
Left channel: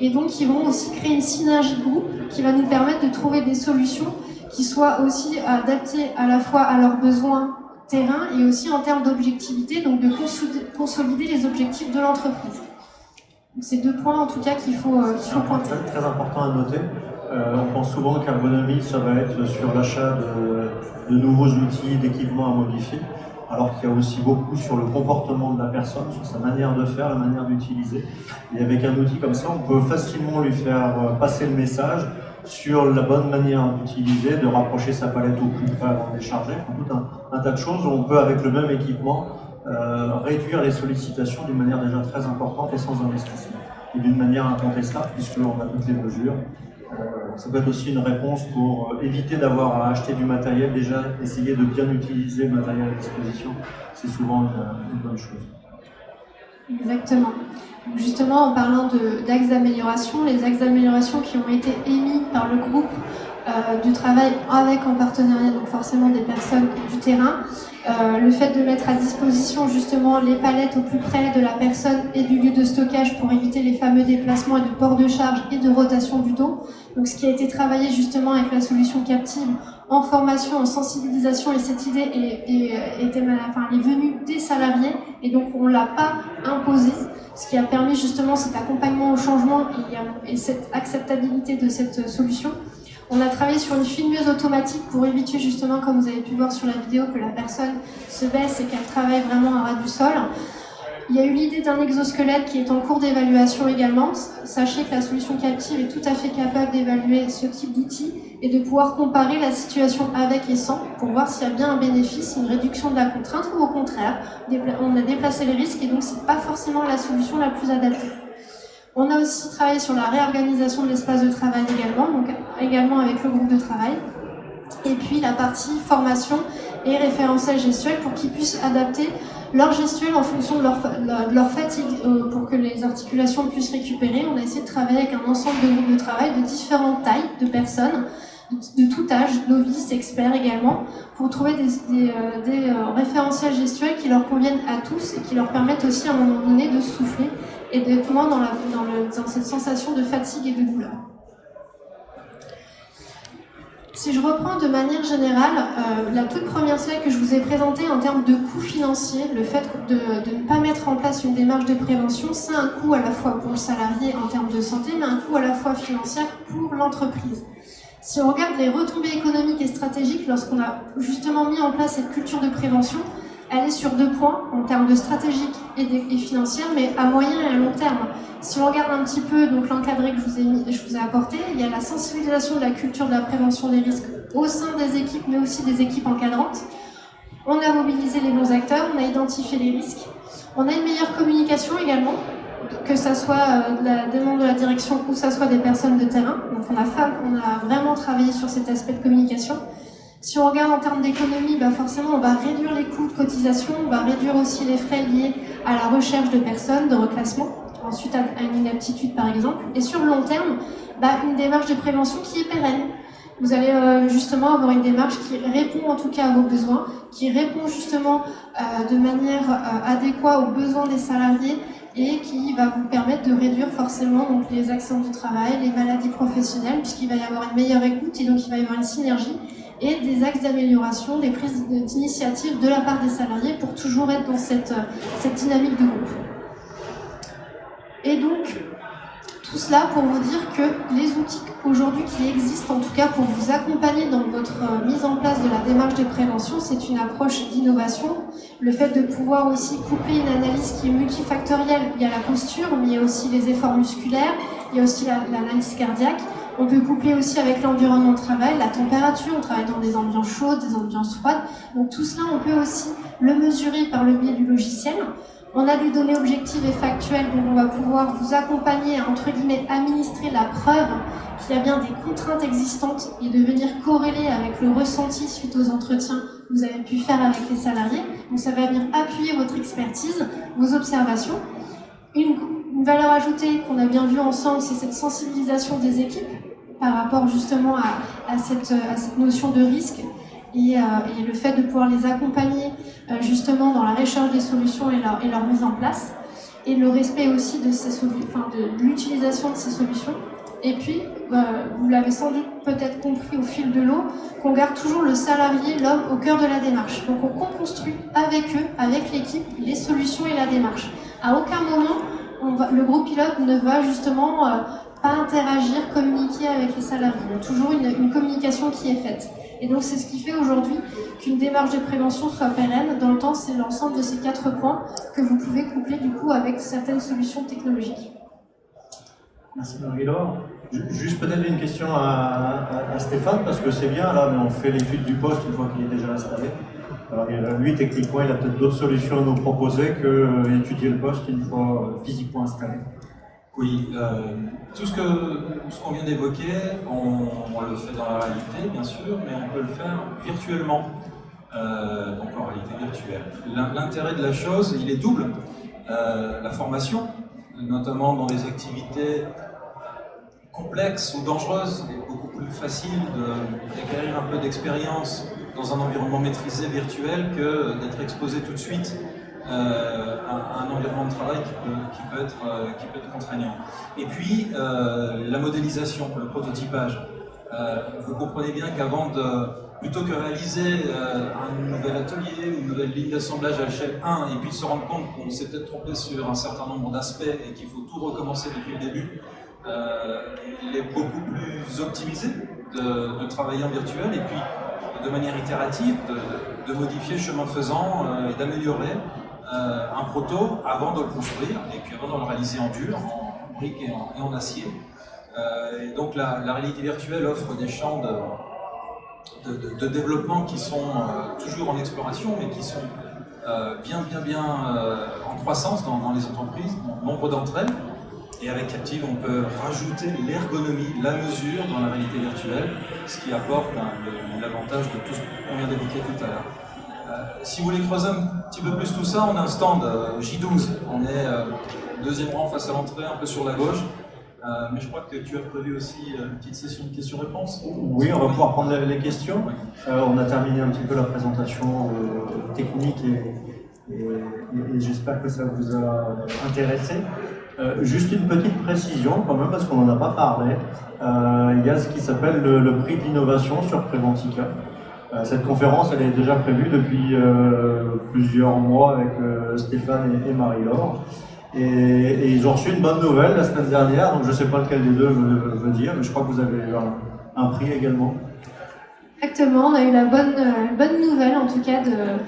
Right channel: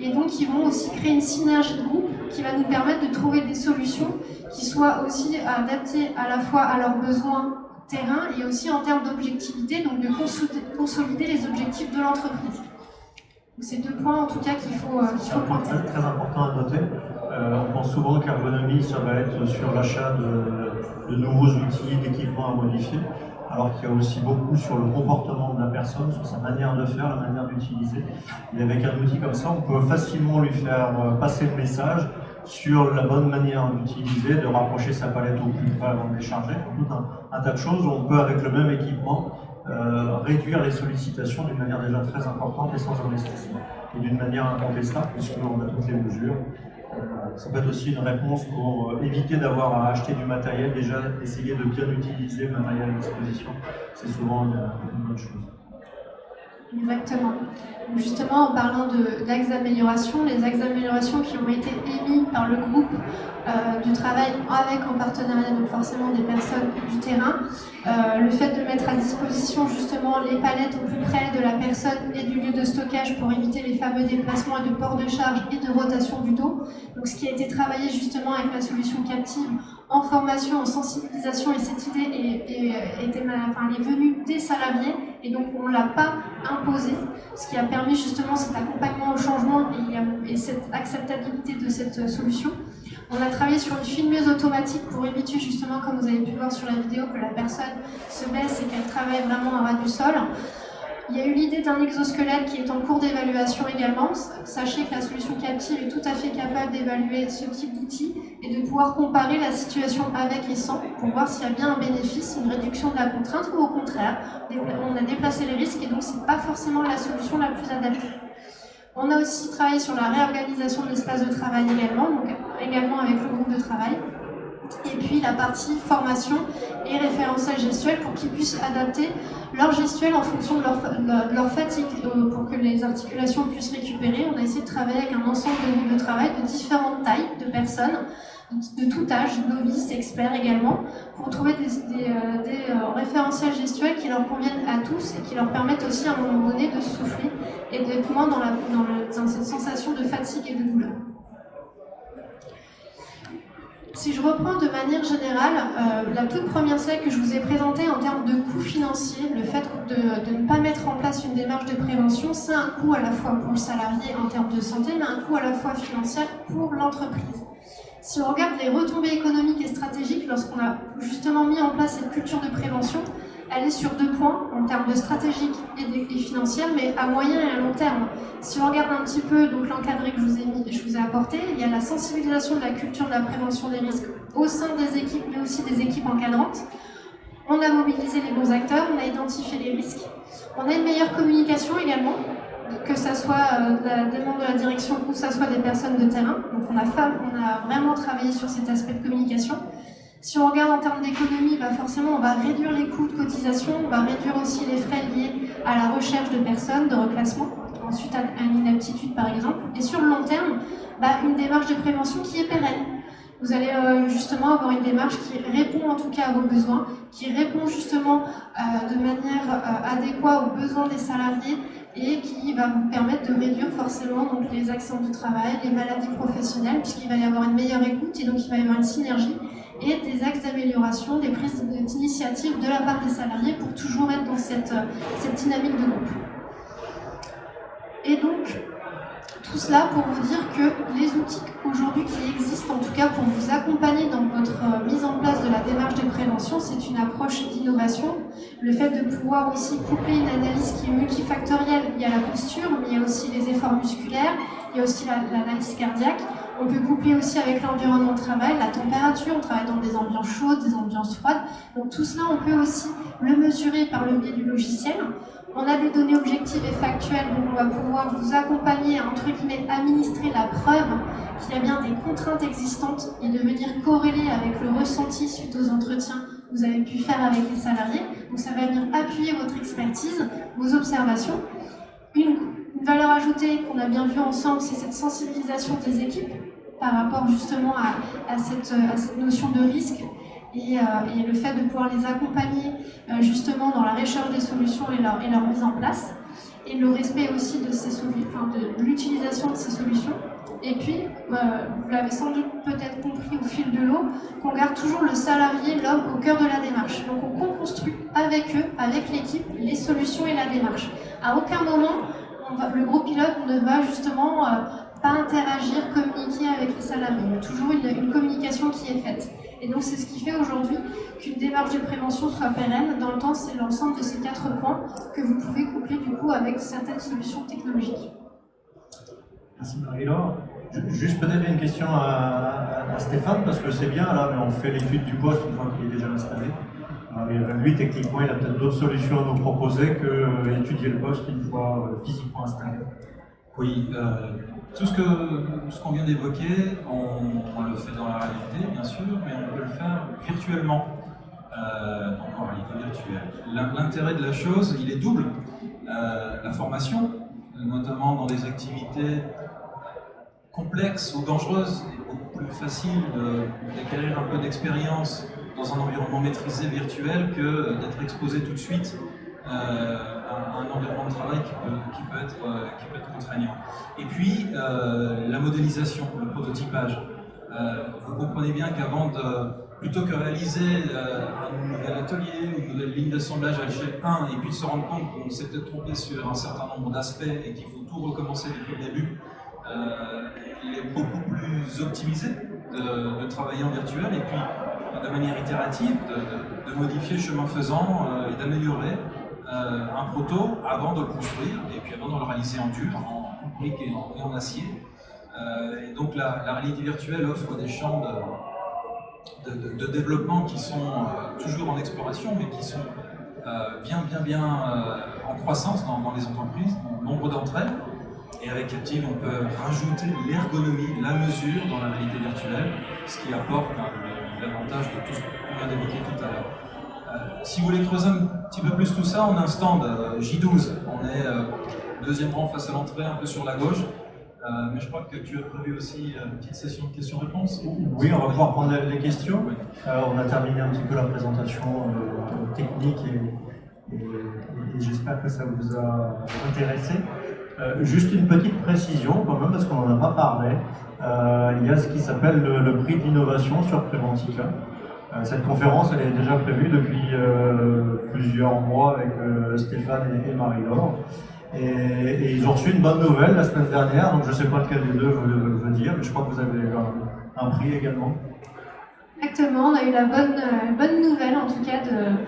et donc ils vont aussi créer une synergie de groupe qui va nous permettre de trouver des solutions qui soient aussi adaptées à la fois à leurs besoins terrain et aussi en termes d'objectivité, donc de consolider les objectifs de l'entreprise. C'est 2 points en tout cas qu'il faut pointer. Très important à noter. On pense souvent qu'ergonomie, ça va être sur l'achat de nouveaux outils, d'équipements à modifier, alors qu'il y a aussi beaucoup sur le comportement de la personne, sur sa manière de faire, la manière d'utiliser. Et avec un outil comme ça, on peut facilement lui faire passer le message sur la bonne manière d'utiliser, de rapprocher sa palette au plus près avant de décharger, tout un tas de choses où on peut, avec le même équipement, réduire les sollicitations d'une manière déjà très importante et sans investissement. Et d'une manière incontestable, puisqu'on a toutes les mesures. Ça peut être aussi une réponse pour éviter d'avoir à acheter du matériel, déjà essayer de bien utiliser le matériel à disposition. C'est souvent une bonne chose. Exactement. Justement, en parlant d'axes d'amélioration, les axes d'amélioration qui ont été émis par le groupe du travail avec en partenariat donc forcément des personnes du terrain, le fait de mettre à disposition justement les palettes au plus près de la personne et du lieu de stockage pour éviter les fameux déplacements et de port de charge et de rotation du dos. Donc ce qui a été travaillé justement avec la solution captive en formation, en sensibilisation, et cette idée est venue des salariés et donc on ne l'a pas imposée, ce qui a permis justement cet accompagnement au changement et cette acceptabilité de cette solution. On a travaillé sur une filmeuse automatique pour éviter justement, comme vous avez pu voir sur la vidéo, que la personne se baisse et qu'elle travaille vraiment en ras du sol. Il y a eu l'idée d'un exosquelette qui est en cours d'évaluation également. Sachez que la solution captive est tout à fait capable d'évaluer ce type d'outil et de pouvoir comparer la situation avec et sans pour voir s'il y a bien un bénéfice, une réduction de la contrainte ou au contraire, on a déplacé les risques et donc ce n'est pas forcément la solution la plus adaptée. On a aussi travaillé sur la réorganisation de l'espace de travail également, donc également avec le groupe de travail. Et puis la partie formation et référentiel gestuel pour qu'ils puissent adapter leur gestuel en fonction de leur fatigue pour que les articulations puissent récupérer. On a essayé de travailler avec un ensemble de groupes de travail de différentes tailles de personnes, de tout âge, novices, experts également, pour trouver des référentiels gestuels qui leur conviennent à tous et qui leur permettent aussi à un moment donné de souffler et d'être moins dans cette sensation de fatigue et de douleur. Si je reprends de manière générale, la toute première slide que je vous ai présentée en termes de coûts financiers, le fait de ne pas mettre en place une démarche de prévention, c'est un coût à la fois pour le salarié en termes de santé, mais un coût à la fois financier pour l'entreprise. Si on regarde les retombées économiques et stratégiques, lorsqu'on a justement mis en place cette culture de prévention, elle est sur 2 points, en termes de stratégique et financière, mais à moyen et à long terme. Si on regarde un petit peu l'encadré que je vous ai apporté, il y a la sensibilisation de la culture de la prévention des risques au sein des équipes, mais aussi des équipes encadrantes. On a mobilisé les bons acteurs, on a identifié les risques. On a une meilleure communication également, que ce soit des membres de la direction ou que ce soit des personnes de terrain. Donc on a vraiment travaillé sur cet aspect de communication. Si on regarde en termes d'économie, forcément on va réduire les coûts de cotisation, on va réduire aussi les frais liés à la recherche de personnes, de reclassement, ensuite à une inaptitude par exemple. Et sur le long terme, une démarche de prévention qui est pérenne. Vous allez justement avoir une démarche qui répond en tout cas à vos besoins, qui répond justement de manière adéquate aux besoins des salariés et qui va vous permettre de réduire forcément les accidents du travail, les maladies professionnelles, puisqu'il va y avoir une meilleure écoute et donc il va y avoir une synergie et des axes d'amélioration, des prises d'initiative de la part des salariés pour toujours être dans cette dynamique de groupe. Et donc, tout cela pour vous dire que les outils aujourd'hui qui existent, en tout cas pour vous accompagner dans votre mise en place de la démarche de prévention, c'est une approche d'innovation. Le fait de pouvoir aussi coupler une analyse qui est multifactorielle, il y a la posture, mais il y a aussi les efforts musculaires, il y a aussi l'analyse cardiaque. On peut coupler aussi avec l'environnement de travail, la température, on travaille dans des ambiances chaudes, des ambiances froides. Donc tout cela, on peut aussi le mesurer par le biais du logiciel. On a des données objectives et factuelles, donc on va pouvoir vous accompagner à, entre guillemets, administrer la preuve qu'il y a bien des contraintes existantes et de venir corréler avec le ressenti suite aux entretiens que vous avez pu faire avec les salariés. Donc ça va venir appuyer votre expertise, vos observations. Une valeur ajoutée qu'on a bien vue ensemble, c'est cette sensibilisation des équipes par rapport justement à cette notion de risque. Et le fait de pouvoir les accompagner justement dans la recherche des solutions et leur mise en place, et le respect aussi de l'utilisation de ces solutions. Et puis, vous l'avez sans doute peut-être compris au fil de l'eau, qu'on garde toujours le salarié, l'homme, au cœur de la démarche. Donc on construit avec eux, avec l'équipe, les solutions et la démarche. À aucun moment, le groupe pilote ne va justement pas interagir, communiquer avec les salariés. Il y a toujours une communication qui est faite. Et donc c'est ce qui fait aujourd'hui qu'une démarche de prévention soit pérenne. Dans le temps, c'est l'ensemble de ces 4 points que vous pouvez coupler du coup avec certaines solutions technologiques. Merci Marie-Laure. Juste peut-être une question à Stéphane, parce que c'est bien, là on fait l'étude du poste une fois qu'il est déjà installé. Lui, techniquement, il a peut-être d'autres solutions à nous proposer que étudier le poste une fois physiquement installé. Oui, tout ce qu'on vient d'évoquer, on le fait dans la réalité, bien sûr, mais on peut le faire virtuellement, donc en réalité virtuelle. L'intérêt de la chose, il est double. La formation, notamment dans des activités complexes ou dangereuses, est beaucoup plus facile d'acquérir un peu d'expérience dans un environnement maîtrisé virtuel que d'être exposé tout de suite à un environnement de travail qui peut être contraignant. Et puis, la modélisation, le prototypage. Vous comprenez bien qu'avant plutôt que réaliser un nouvel atelier ou une nouvelle ligne d'assemblage à l'échelle 1 et puis de se rendre compte qu'on s'est peut-être trompé sur un certain nombre d'aspects et qu'il faut tout recommencer depuis le début, il est beaucoup plus optimisé de travailler en virtuel et puis de manière itérative, de modifier le chemin faisant et d'améliorer un proto avant de le construire et puis avant de le réaliser en dur, en briques et en acier. Et donc la réalité virtuelle offre des champs de développement qui sont toujours en exploration, mais qui sont bien en croissance dans les entreprises, dans nombre d'entre elles. Et avec Captive, on peut rajouter l'ergonomie, la mesure dans la réalité virtuelle, ce qui apporte l'avantage de tout ce qu'on vient d'évoquer tout à l'heure. Si vous voulez creuser un petit peu plus tout ça, on a un stand J12. On est deuxième rang face à l'entrée, un peu sur la gauche. Mais je crois que tu as prévu aussi une petite session de questions-réponses. Oui, on va pouvoir prendre les questions. On a terminé un petit peu la présentation technique et j'espère que ça vous a intéressé. Juste une petite précision quand même, parce qu'on n'en a pas parlé. Il y a ce qui s'appelle le prix de l'innovation sur Préventica. Cette conférence, elle est déjà prévue depuis plusieurs mois avec Stéphane et Marie-Laure. Et ils ont reçu une bonne nouvelle la semaine dernière, donc je ne sais pas lequel des deux veut dire, mais je crois que vous avez un prix également. Exactement, on a eu la bonne nouvelle en tout cas de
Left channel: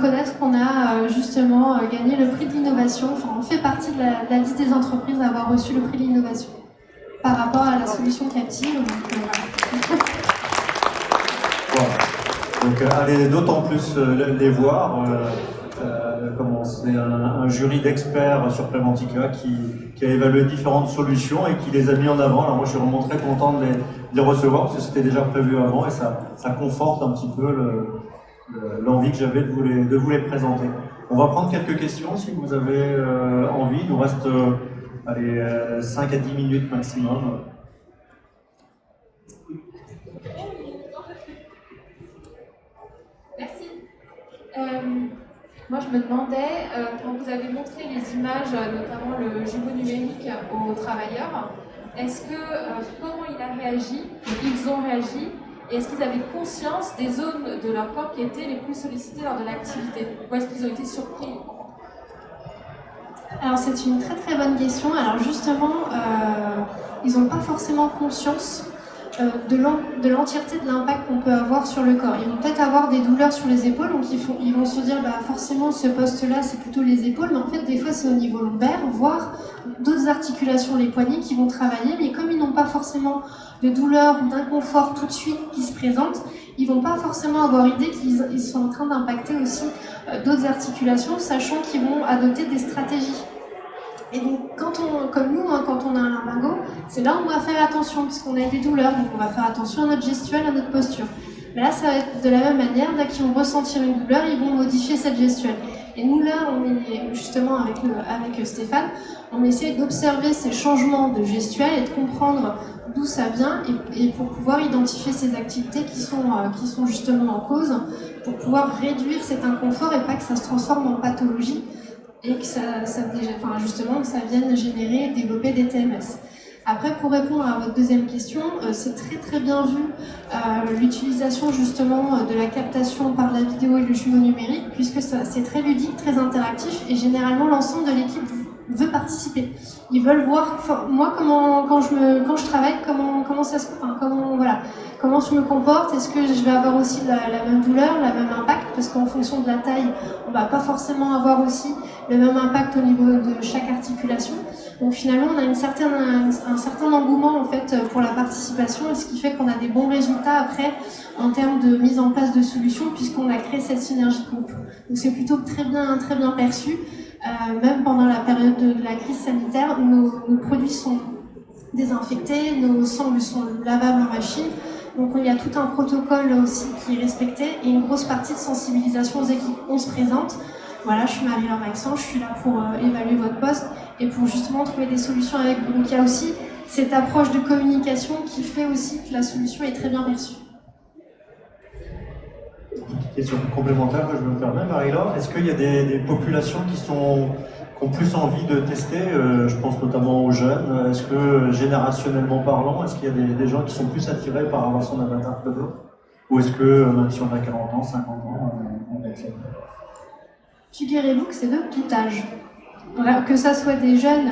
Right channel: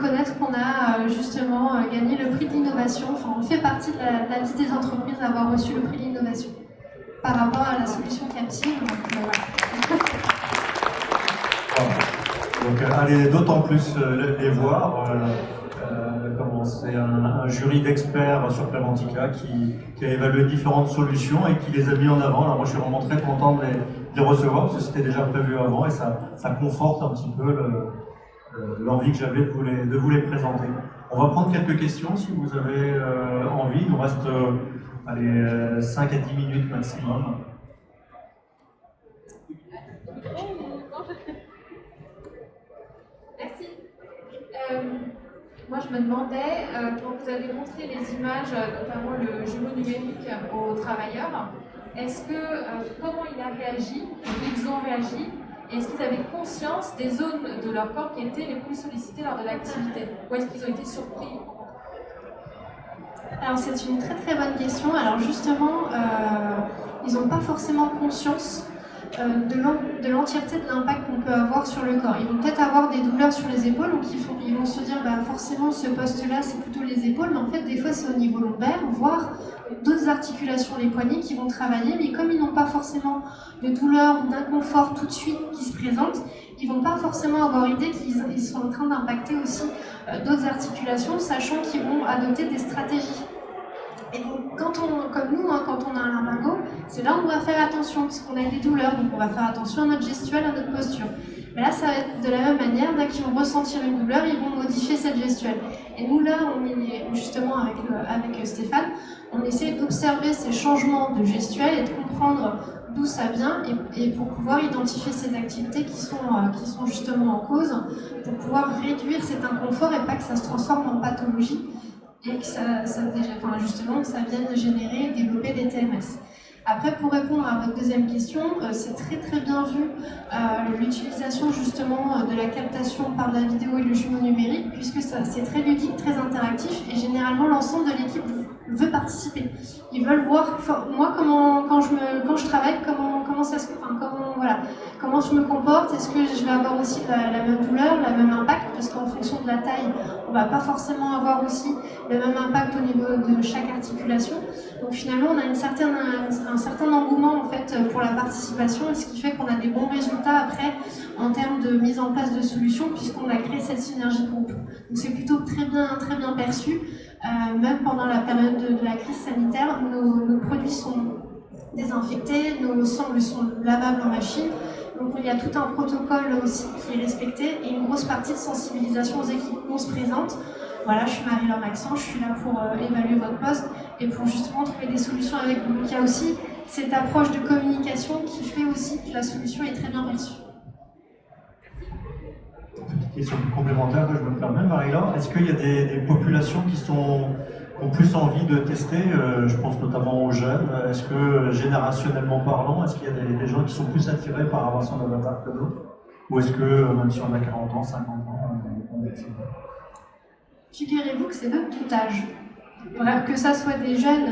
connaître qu'on a justement gagné le prix de l'innovation. Enfin, on fait partie de la liste des entreprises à avoir reçu le prix de l'innovation par rapport à la solution Captive. Voilà. Donc allez d'autant plus les voir. C'est un jury d'experts sur Préventica qui a évalué différentes solutions et qui les a mis en avant. Alors moi je suis vraiment très content de les recevoir parce que c'était déjà prévu avant et ça conforte un petit peu l'envie que j'avais de vous les présenter. On va prendre quelques questions si vous avez envie. Il nous reste 5 à 10 minutes maximum. Merci. Moi, je me demandais, quand vous avez montré les images, notamment le jumeau numérique aux travailleurs, comment il a réagi, ils ont réagi, et est-ce qu'ils avaient conscience des zones de leur corps qui étaient les plus sollicitées lors de l'activité? Ou est-ce qu'ils ont été surpris? Alors c'est une très très bonne question. Alors justement, ils n'ont pas forcément conscience de l'entièreté de l'impact qu'on peut avoir sur le corps. Ils vont peut-être avoir des douleurs sur les épaules, donc ils vont se dire forcément ce poste-là c'est plutôt les épaules, mais en fait des fois c'est au niveau lombaire, voire d'autres articulations, les poignets qui vont travailler, mais comme ils n'ont pas forcément de douleur ou d'inconfort tout de suite qui se présentent, ils ne vont pas forcément avoir idée qu'ils sont en train d'impacter aussi d'autres articulations, sachant qu'ils vont adopter des stratégies. Et donc, comme nous, quand on a un lumbago, c'est là où on va faire attention, puisqu'on a des douleurs, donc on va faire attention à notre gestuelle, à notre posture. Mais là, ça va être de la même manière, dès qu'ils vont ressentir une douleur, ils vont modifier cette gestuelle. Et nous, là, on est justement avec Stéphane, on essaie d'observer ces changements de gestuelle et de comprendre d'où ça vient, et pour pouvoir identifier ces activités qui sont justement en cause, pour pouvoir réduire cet inconfort et pas que ça se transforme en pathologie, et que ça vienne générer et développer des TMS. Après, pour répondre à votre deuxième question, c'est très très bien vu l'utilisation justement de la captation par la vidéo et le jumeau numérique, puisque c'est très ludique, très interactif, et généralement l'ensemble de l'équipe veut participer. Ils veulent voir, moi, quand je travaille, comment je me comporte, est-ce que je vais avoir aussi la même douleur, la même impact, parce qu'en fonction de la taille, on ne va pas forcément avoir aussi le même impact au niveau de chaque articulation. Donc finalement, on a un certain engouement en fait pour la participation, et ce qui fait qu'on a des bons résultats après en termes de mise en place de solutions, puisqu'on a créé cette synergie groupe. Donc c'est plutôt très bien perçu. Même pendant la période de la crise sanitaire, nos produits sont désinfectés, nos sangles sont lavables en machine. Donc il y a tout un protocole aussi qui est respecté et une grosse partie de sensibilisation aux équipes. On se présente, voilà, je suis Marie-Laure Maxence, je suis là pour évaluer votre poste et pour justement trouver des solutions avec vous. Donc il y a aussi cette approche de communication qui fait aussi que la solution est très bien perçue. Petite question complémentaire que je me permets, Marie-Laure. Est-ce qu'il y a des populations qui ont plus envie de tester, je pense notamment aux jeunes. Est-ce que générationnellement parlant, est-ce qu'il y a des gens qui sont plus attirés par avoir son avatar que d'autres? Ou est-ce que même si on a 40 ans, 50 ans, on accepte? Figurez-vous que c'est de tout âge. Voilà, que ça soit des jeunes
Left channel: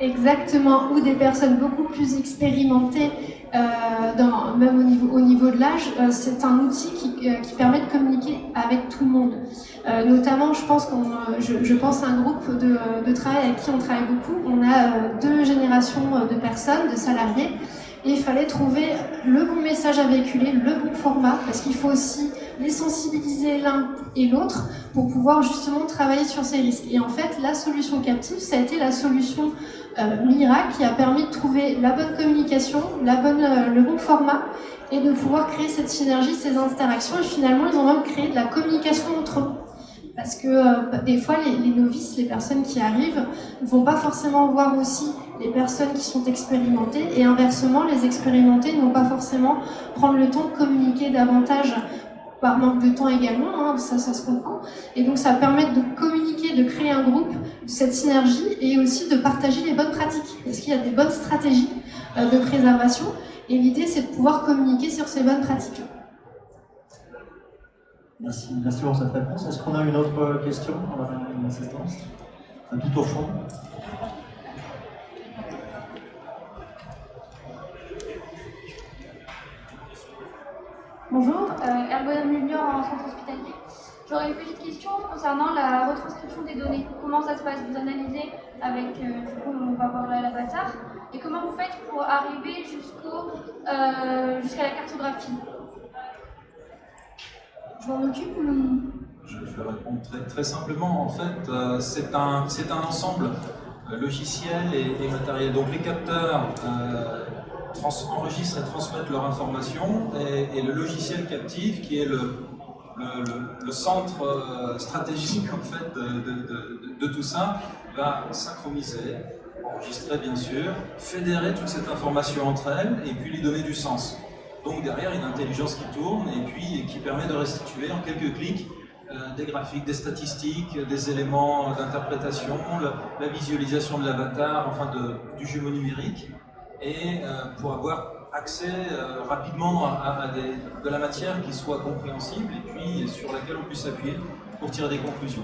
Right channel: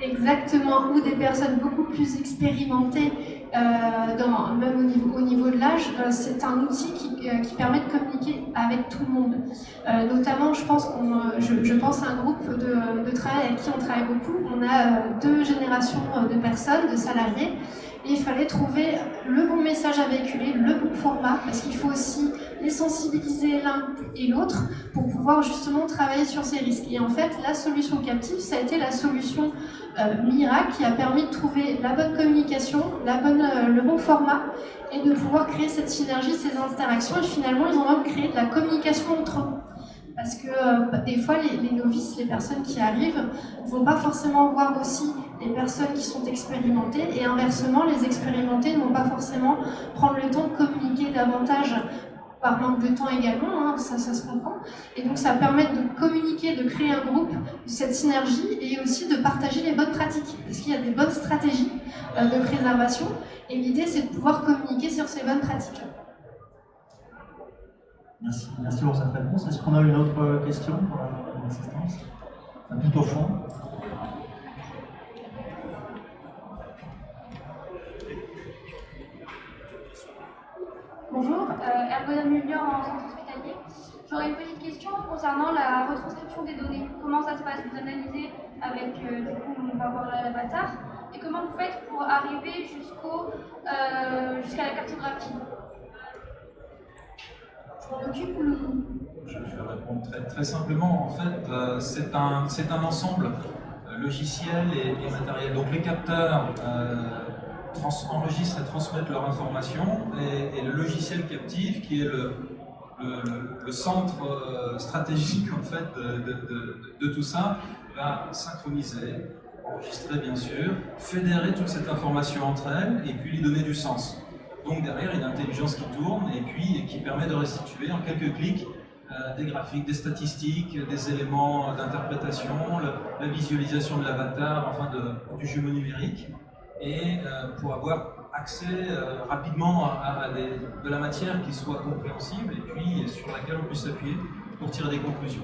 exactement ou des personnes beaucoup plus expérimentées, même au niveau de l'âge, c'est un outil qui permet de communiquer avec tout le monde. Notamment, je pense à un groupe de travail avec qui on travaille beaucoup. On a 2 générations de personnes, de salariés, et il fallait trouver le bon message à véhiculer, le bon format, parce qu'il faut aussi les sensibiliser l'un et l'autre pour pouvoir justement travailler sur ces risques. Et en fait, la solution captive, ça a été la solution miracle qui a permis de trouver la bonne communication, le bon format et de pouvoir créer cette synergie, ces interactions. Et finalement, ils ont même créé de la communication entre eux. Parce que des fois, les novices, les personnes qui arrivent, ne vont pas forcément voir aussi les personnes qui sont expérimentées. Et inversement, les expérimentés ne vont pas forcément prendre le temps de communiquer davantage par manque de temps également, hein, ça se comprend. Et donc ça permet de communiquer, de créer un groupe, de cette synergie et aussi de partager les bonnes pratiques. Parce qu'il y a des bonnes stratégies de préservation et l'idée c'est de pouvoir communiquer sur ces bonnes pratiques. Merci pour cette réponse. Est-ce qu'on a une autre question en assistance? Tout au fond. Bonjour, Ergonome Junior en centre hospitalier. J'aurais une petite question concernant la retranscription des données. Comment ça se passe? Vous analysez avec, du coup, on va voir l'avatar. Et comment vous faites pour arriver jusqu'à la cartographie? Je m'en occupe ou... Je vais répondre très simplement. En fait, c'est un ensemble logiciel et matériel. Donc les capteurs enregistrent et transmettent leur information et le logiciel captif, qui est le centre stratégique en fait de tout ça, va synchroniser, enregistrer bien sûr, fédérer toute cette information entre elles et puis lui donner du sens. Donc derrière, il y a une intelligence qui tourne et puis qui permet de restituer en quelques clics des graphiques, des statistiques, des éléments d'interprétation, la visualisation de l'avatar, enfin du jumeau numérique, et pour avoir accès rapidement à de la matière qui soit compréhensible et puis sur laquelle on puisse s'appuyer pour tirer des conclusions.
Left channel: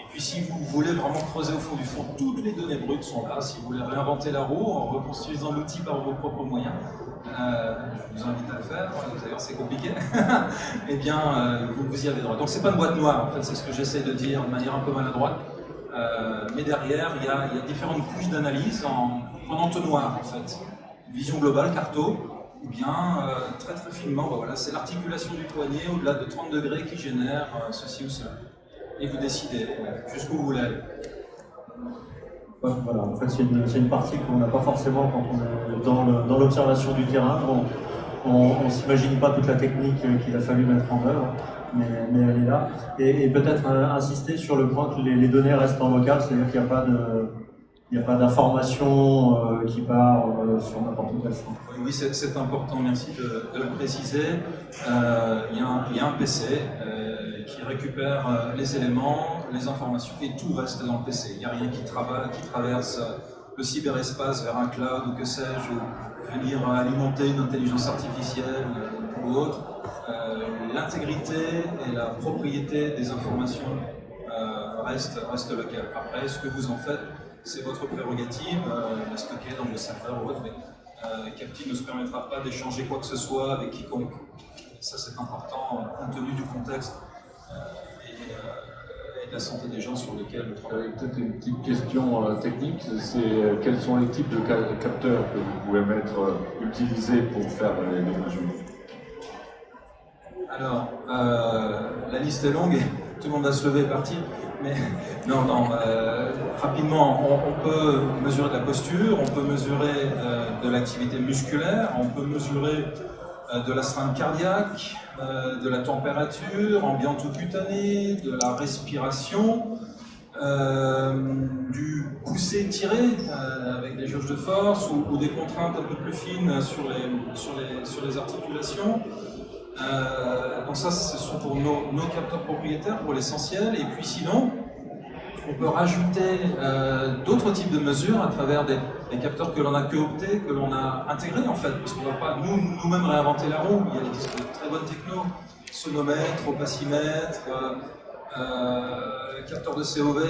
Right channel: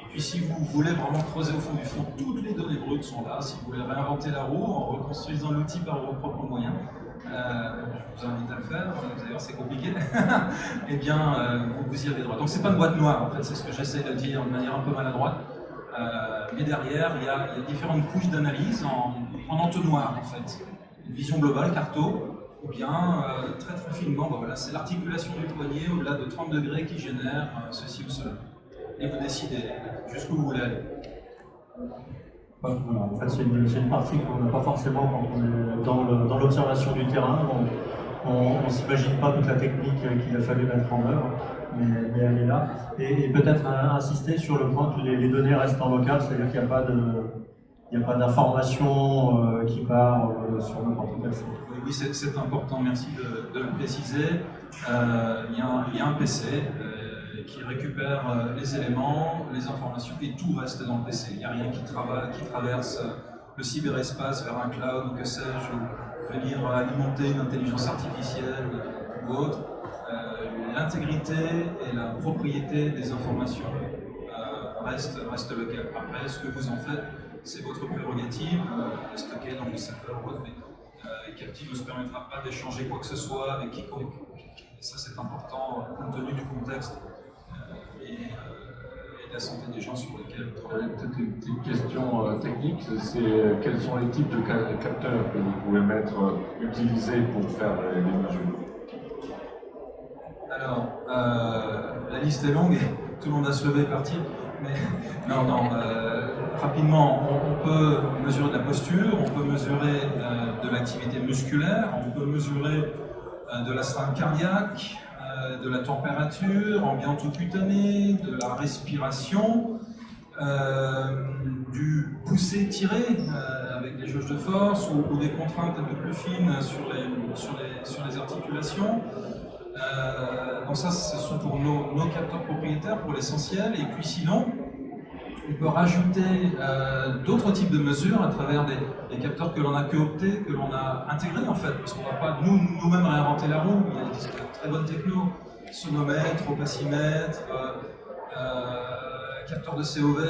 Et puis si vous voulez vraiment creuser au fond du fond, toutes les données brutes sont là. Si vous voulez réinventer la roue en reconstruisant l'outil par vos propres moyens, je vous invite à le faire, vous allez voir c'est compliqué, eh bien vous y avez droit. Donc c'est pas une boîte noire en fait, c'est ce que j'essaie de dire de manière un peu maladroite, mais derrière il y a différentes couches d'analyse en entonnoir en fait. Une vision globale, carto, ou bien très finement, voilà, c'est l'articulation du poignet au-delà de 30 degrés qui génère ceci ou cela. Et vous décidez jusqu'où vous voulez aller. Voilà, en fait, c'est une partie qu'on n'a pas forcément quand on est dans l'observation du terrain. Donc, on ne s'imagine pas toute la technique qu'il a fallu mettre en œuvre, mais elle est là. Et peut-être insister sur le point que les données restent en local, c'est-à-dire qu'il n'y a pas d'information qui part sur n'importe quel flux. Oui, c'est important, merci de le préciser. Il y a un PC qui récupère les éléments, les informations, et tout reste dans le PC. Il n'y a rien qui traverse le cyberespace vers un cloud ou que sais-je, veut dire alimenter une intelligence artificielle ou autre. L'intégrité et la propriété des informations reste locale. Après, ce que vous en faites, c'est votre prérogative, de stocker dans le serveur ou autre, mais Captive ne se permettra pas d'échanger quoi que ce soit avec quiconque. Ça, c'est important compte tenu du contexte et de la santé des gens sur lesquels on travaille. Peut-être une petite question technique, c'est quels sont les types de capteurs que vous pouvez utiliser pour faire les mesures? Alors, la liste est longue et tout le monde va se lever et partir, mais non, rapidement, on peut mesurer de la posture, on peut mesurer de l'activité musculaire, on peut mesurer de la strength cardiaque, de la température ambiante ou cutanée, de la respiration, du poussé-tiré avec des jauges de force ou des contraintes un peu plus fines sur les articulations. Donc ça, ce sont pour nos capteurs propriétaires, pour l'essentiel. Et puis sinon, on peut rajouter d'autres types de mesures à travers des capteurs que l'on a cooptés, que l'on a intégrés en fait, parce qu'on ne va pas nous-mêmes réinventer la roue. Il y a des très bonnes technos, sonomètre, opacimètre, capteur de COV,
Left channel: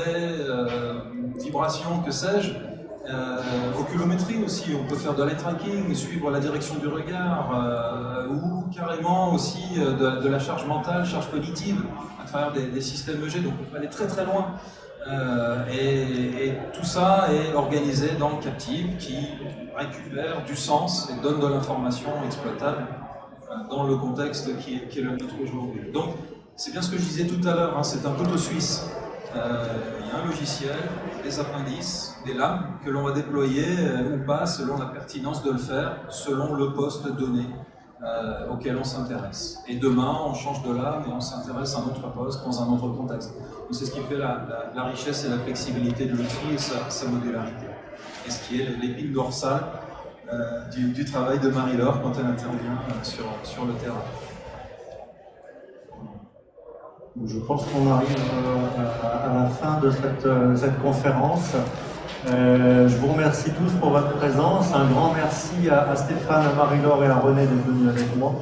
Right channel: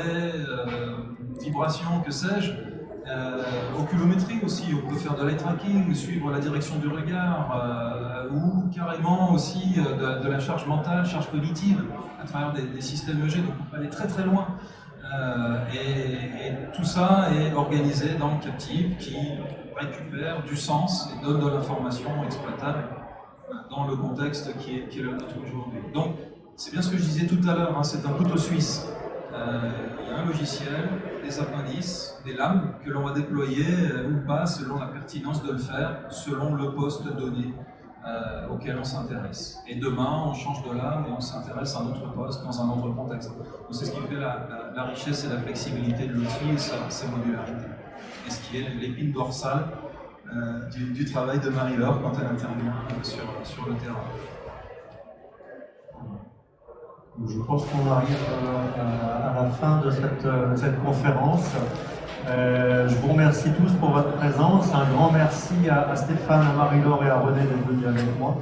vibration, que sais-je, oculométrie aussi, on peut faire de l'eye tracking, suivre la direction du regard, ou carrément aussi de la charge mentale, charge cognitive, à travers des systèmes EG, donc on peut aller très très loin. Et tout ça est organisé dans Captive qui récupère du sens et donne de l'information exploitable dans le contexte qui est le nôtre aujourd'hui. Donc, c'est bien ce que je disais tout à l'heure, hein, c'est un couteau suisse. Il y a un logiciel, des appendices, des lames que l'on va déployer ou pas selon la pertinence de le faire, selon le poste donné auquel on s'intéresse. Et demain, on change de lame et on s'intéresse à un autre poste dans un autre contexte. C'est ce qui fait la richesse et la flexibilité de l'outil et sa modularité. Et ce qui est l'épine dorsale du travail de Marie-Laure quand elle intervient sur le terrain. Je pense qu'on arrive à la fin de cette conférence. Je vous remercie tous pour votre présence. Un grand merci à Stéphane, à Marie-Laure et à René d'être venus avec moi.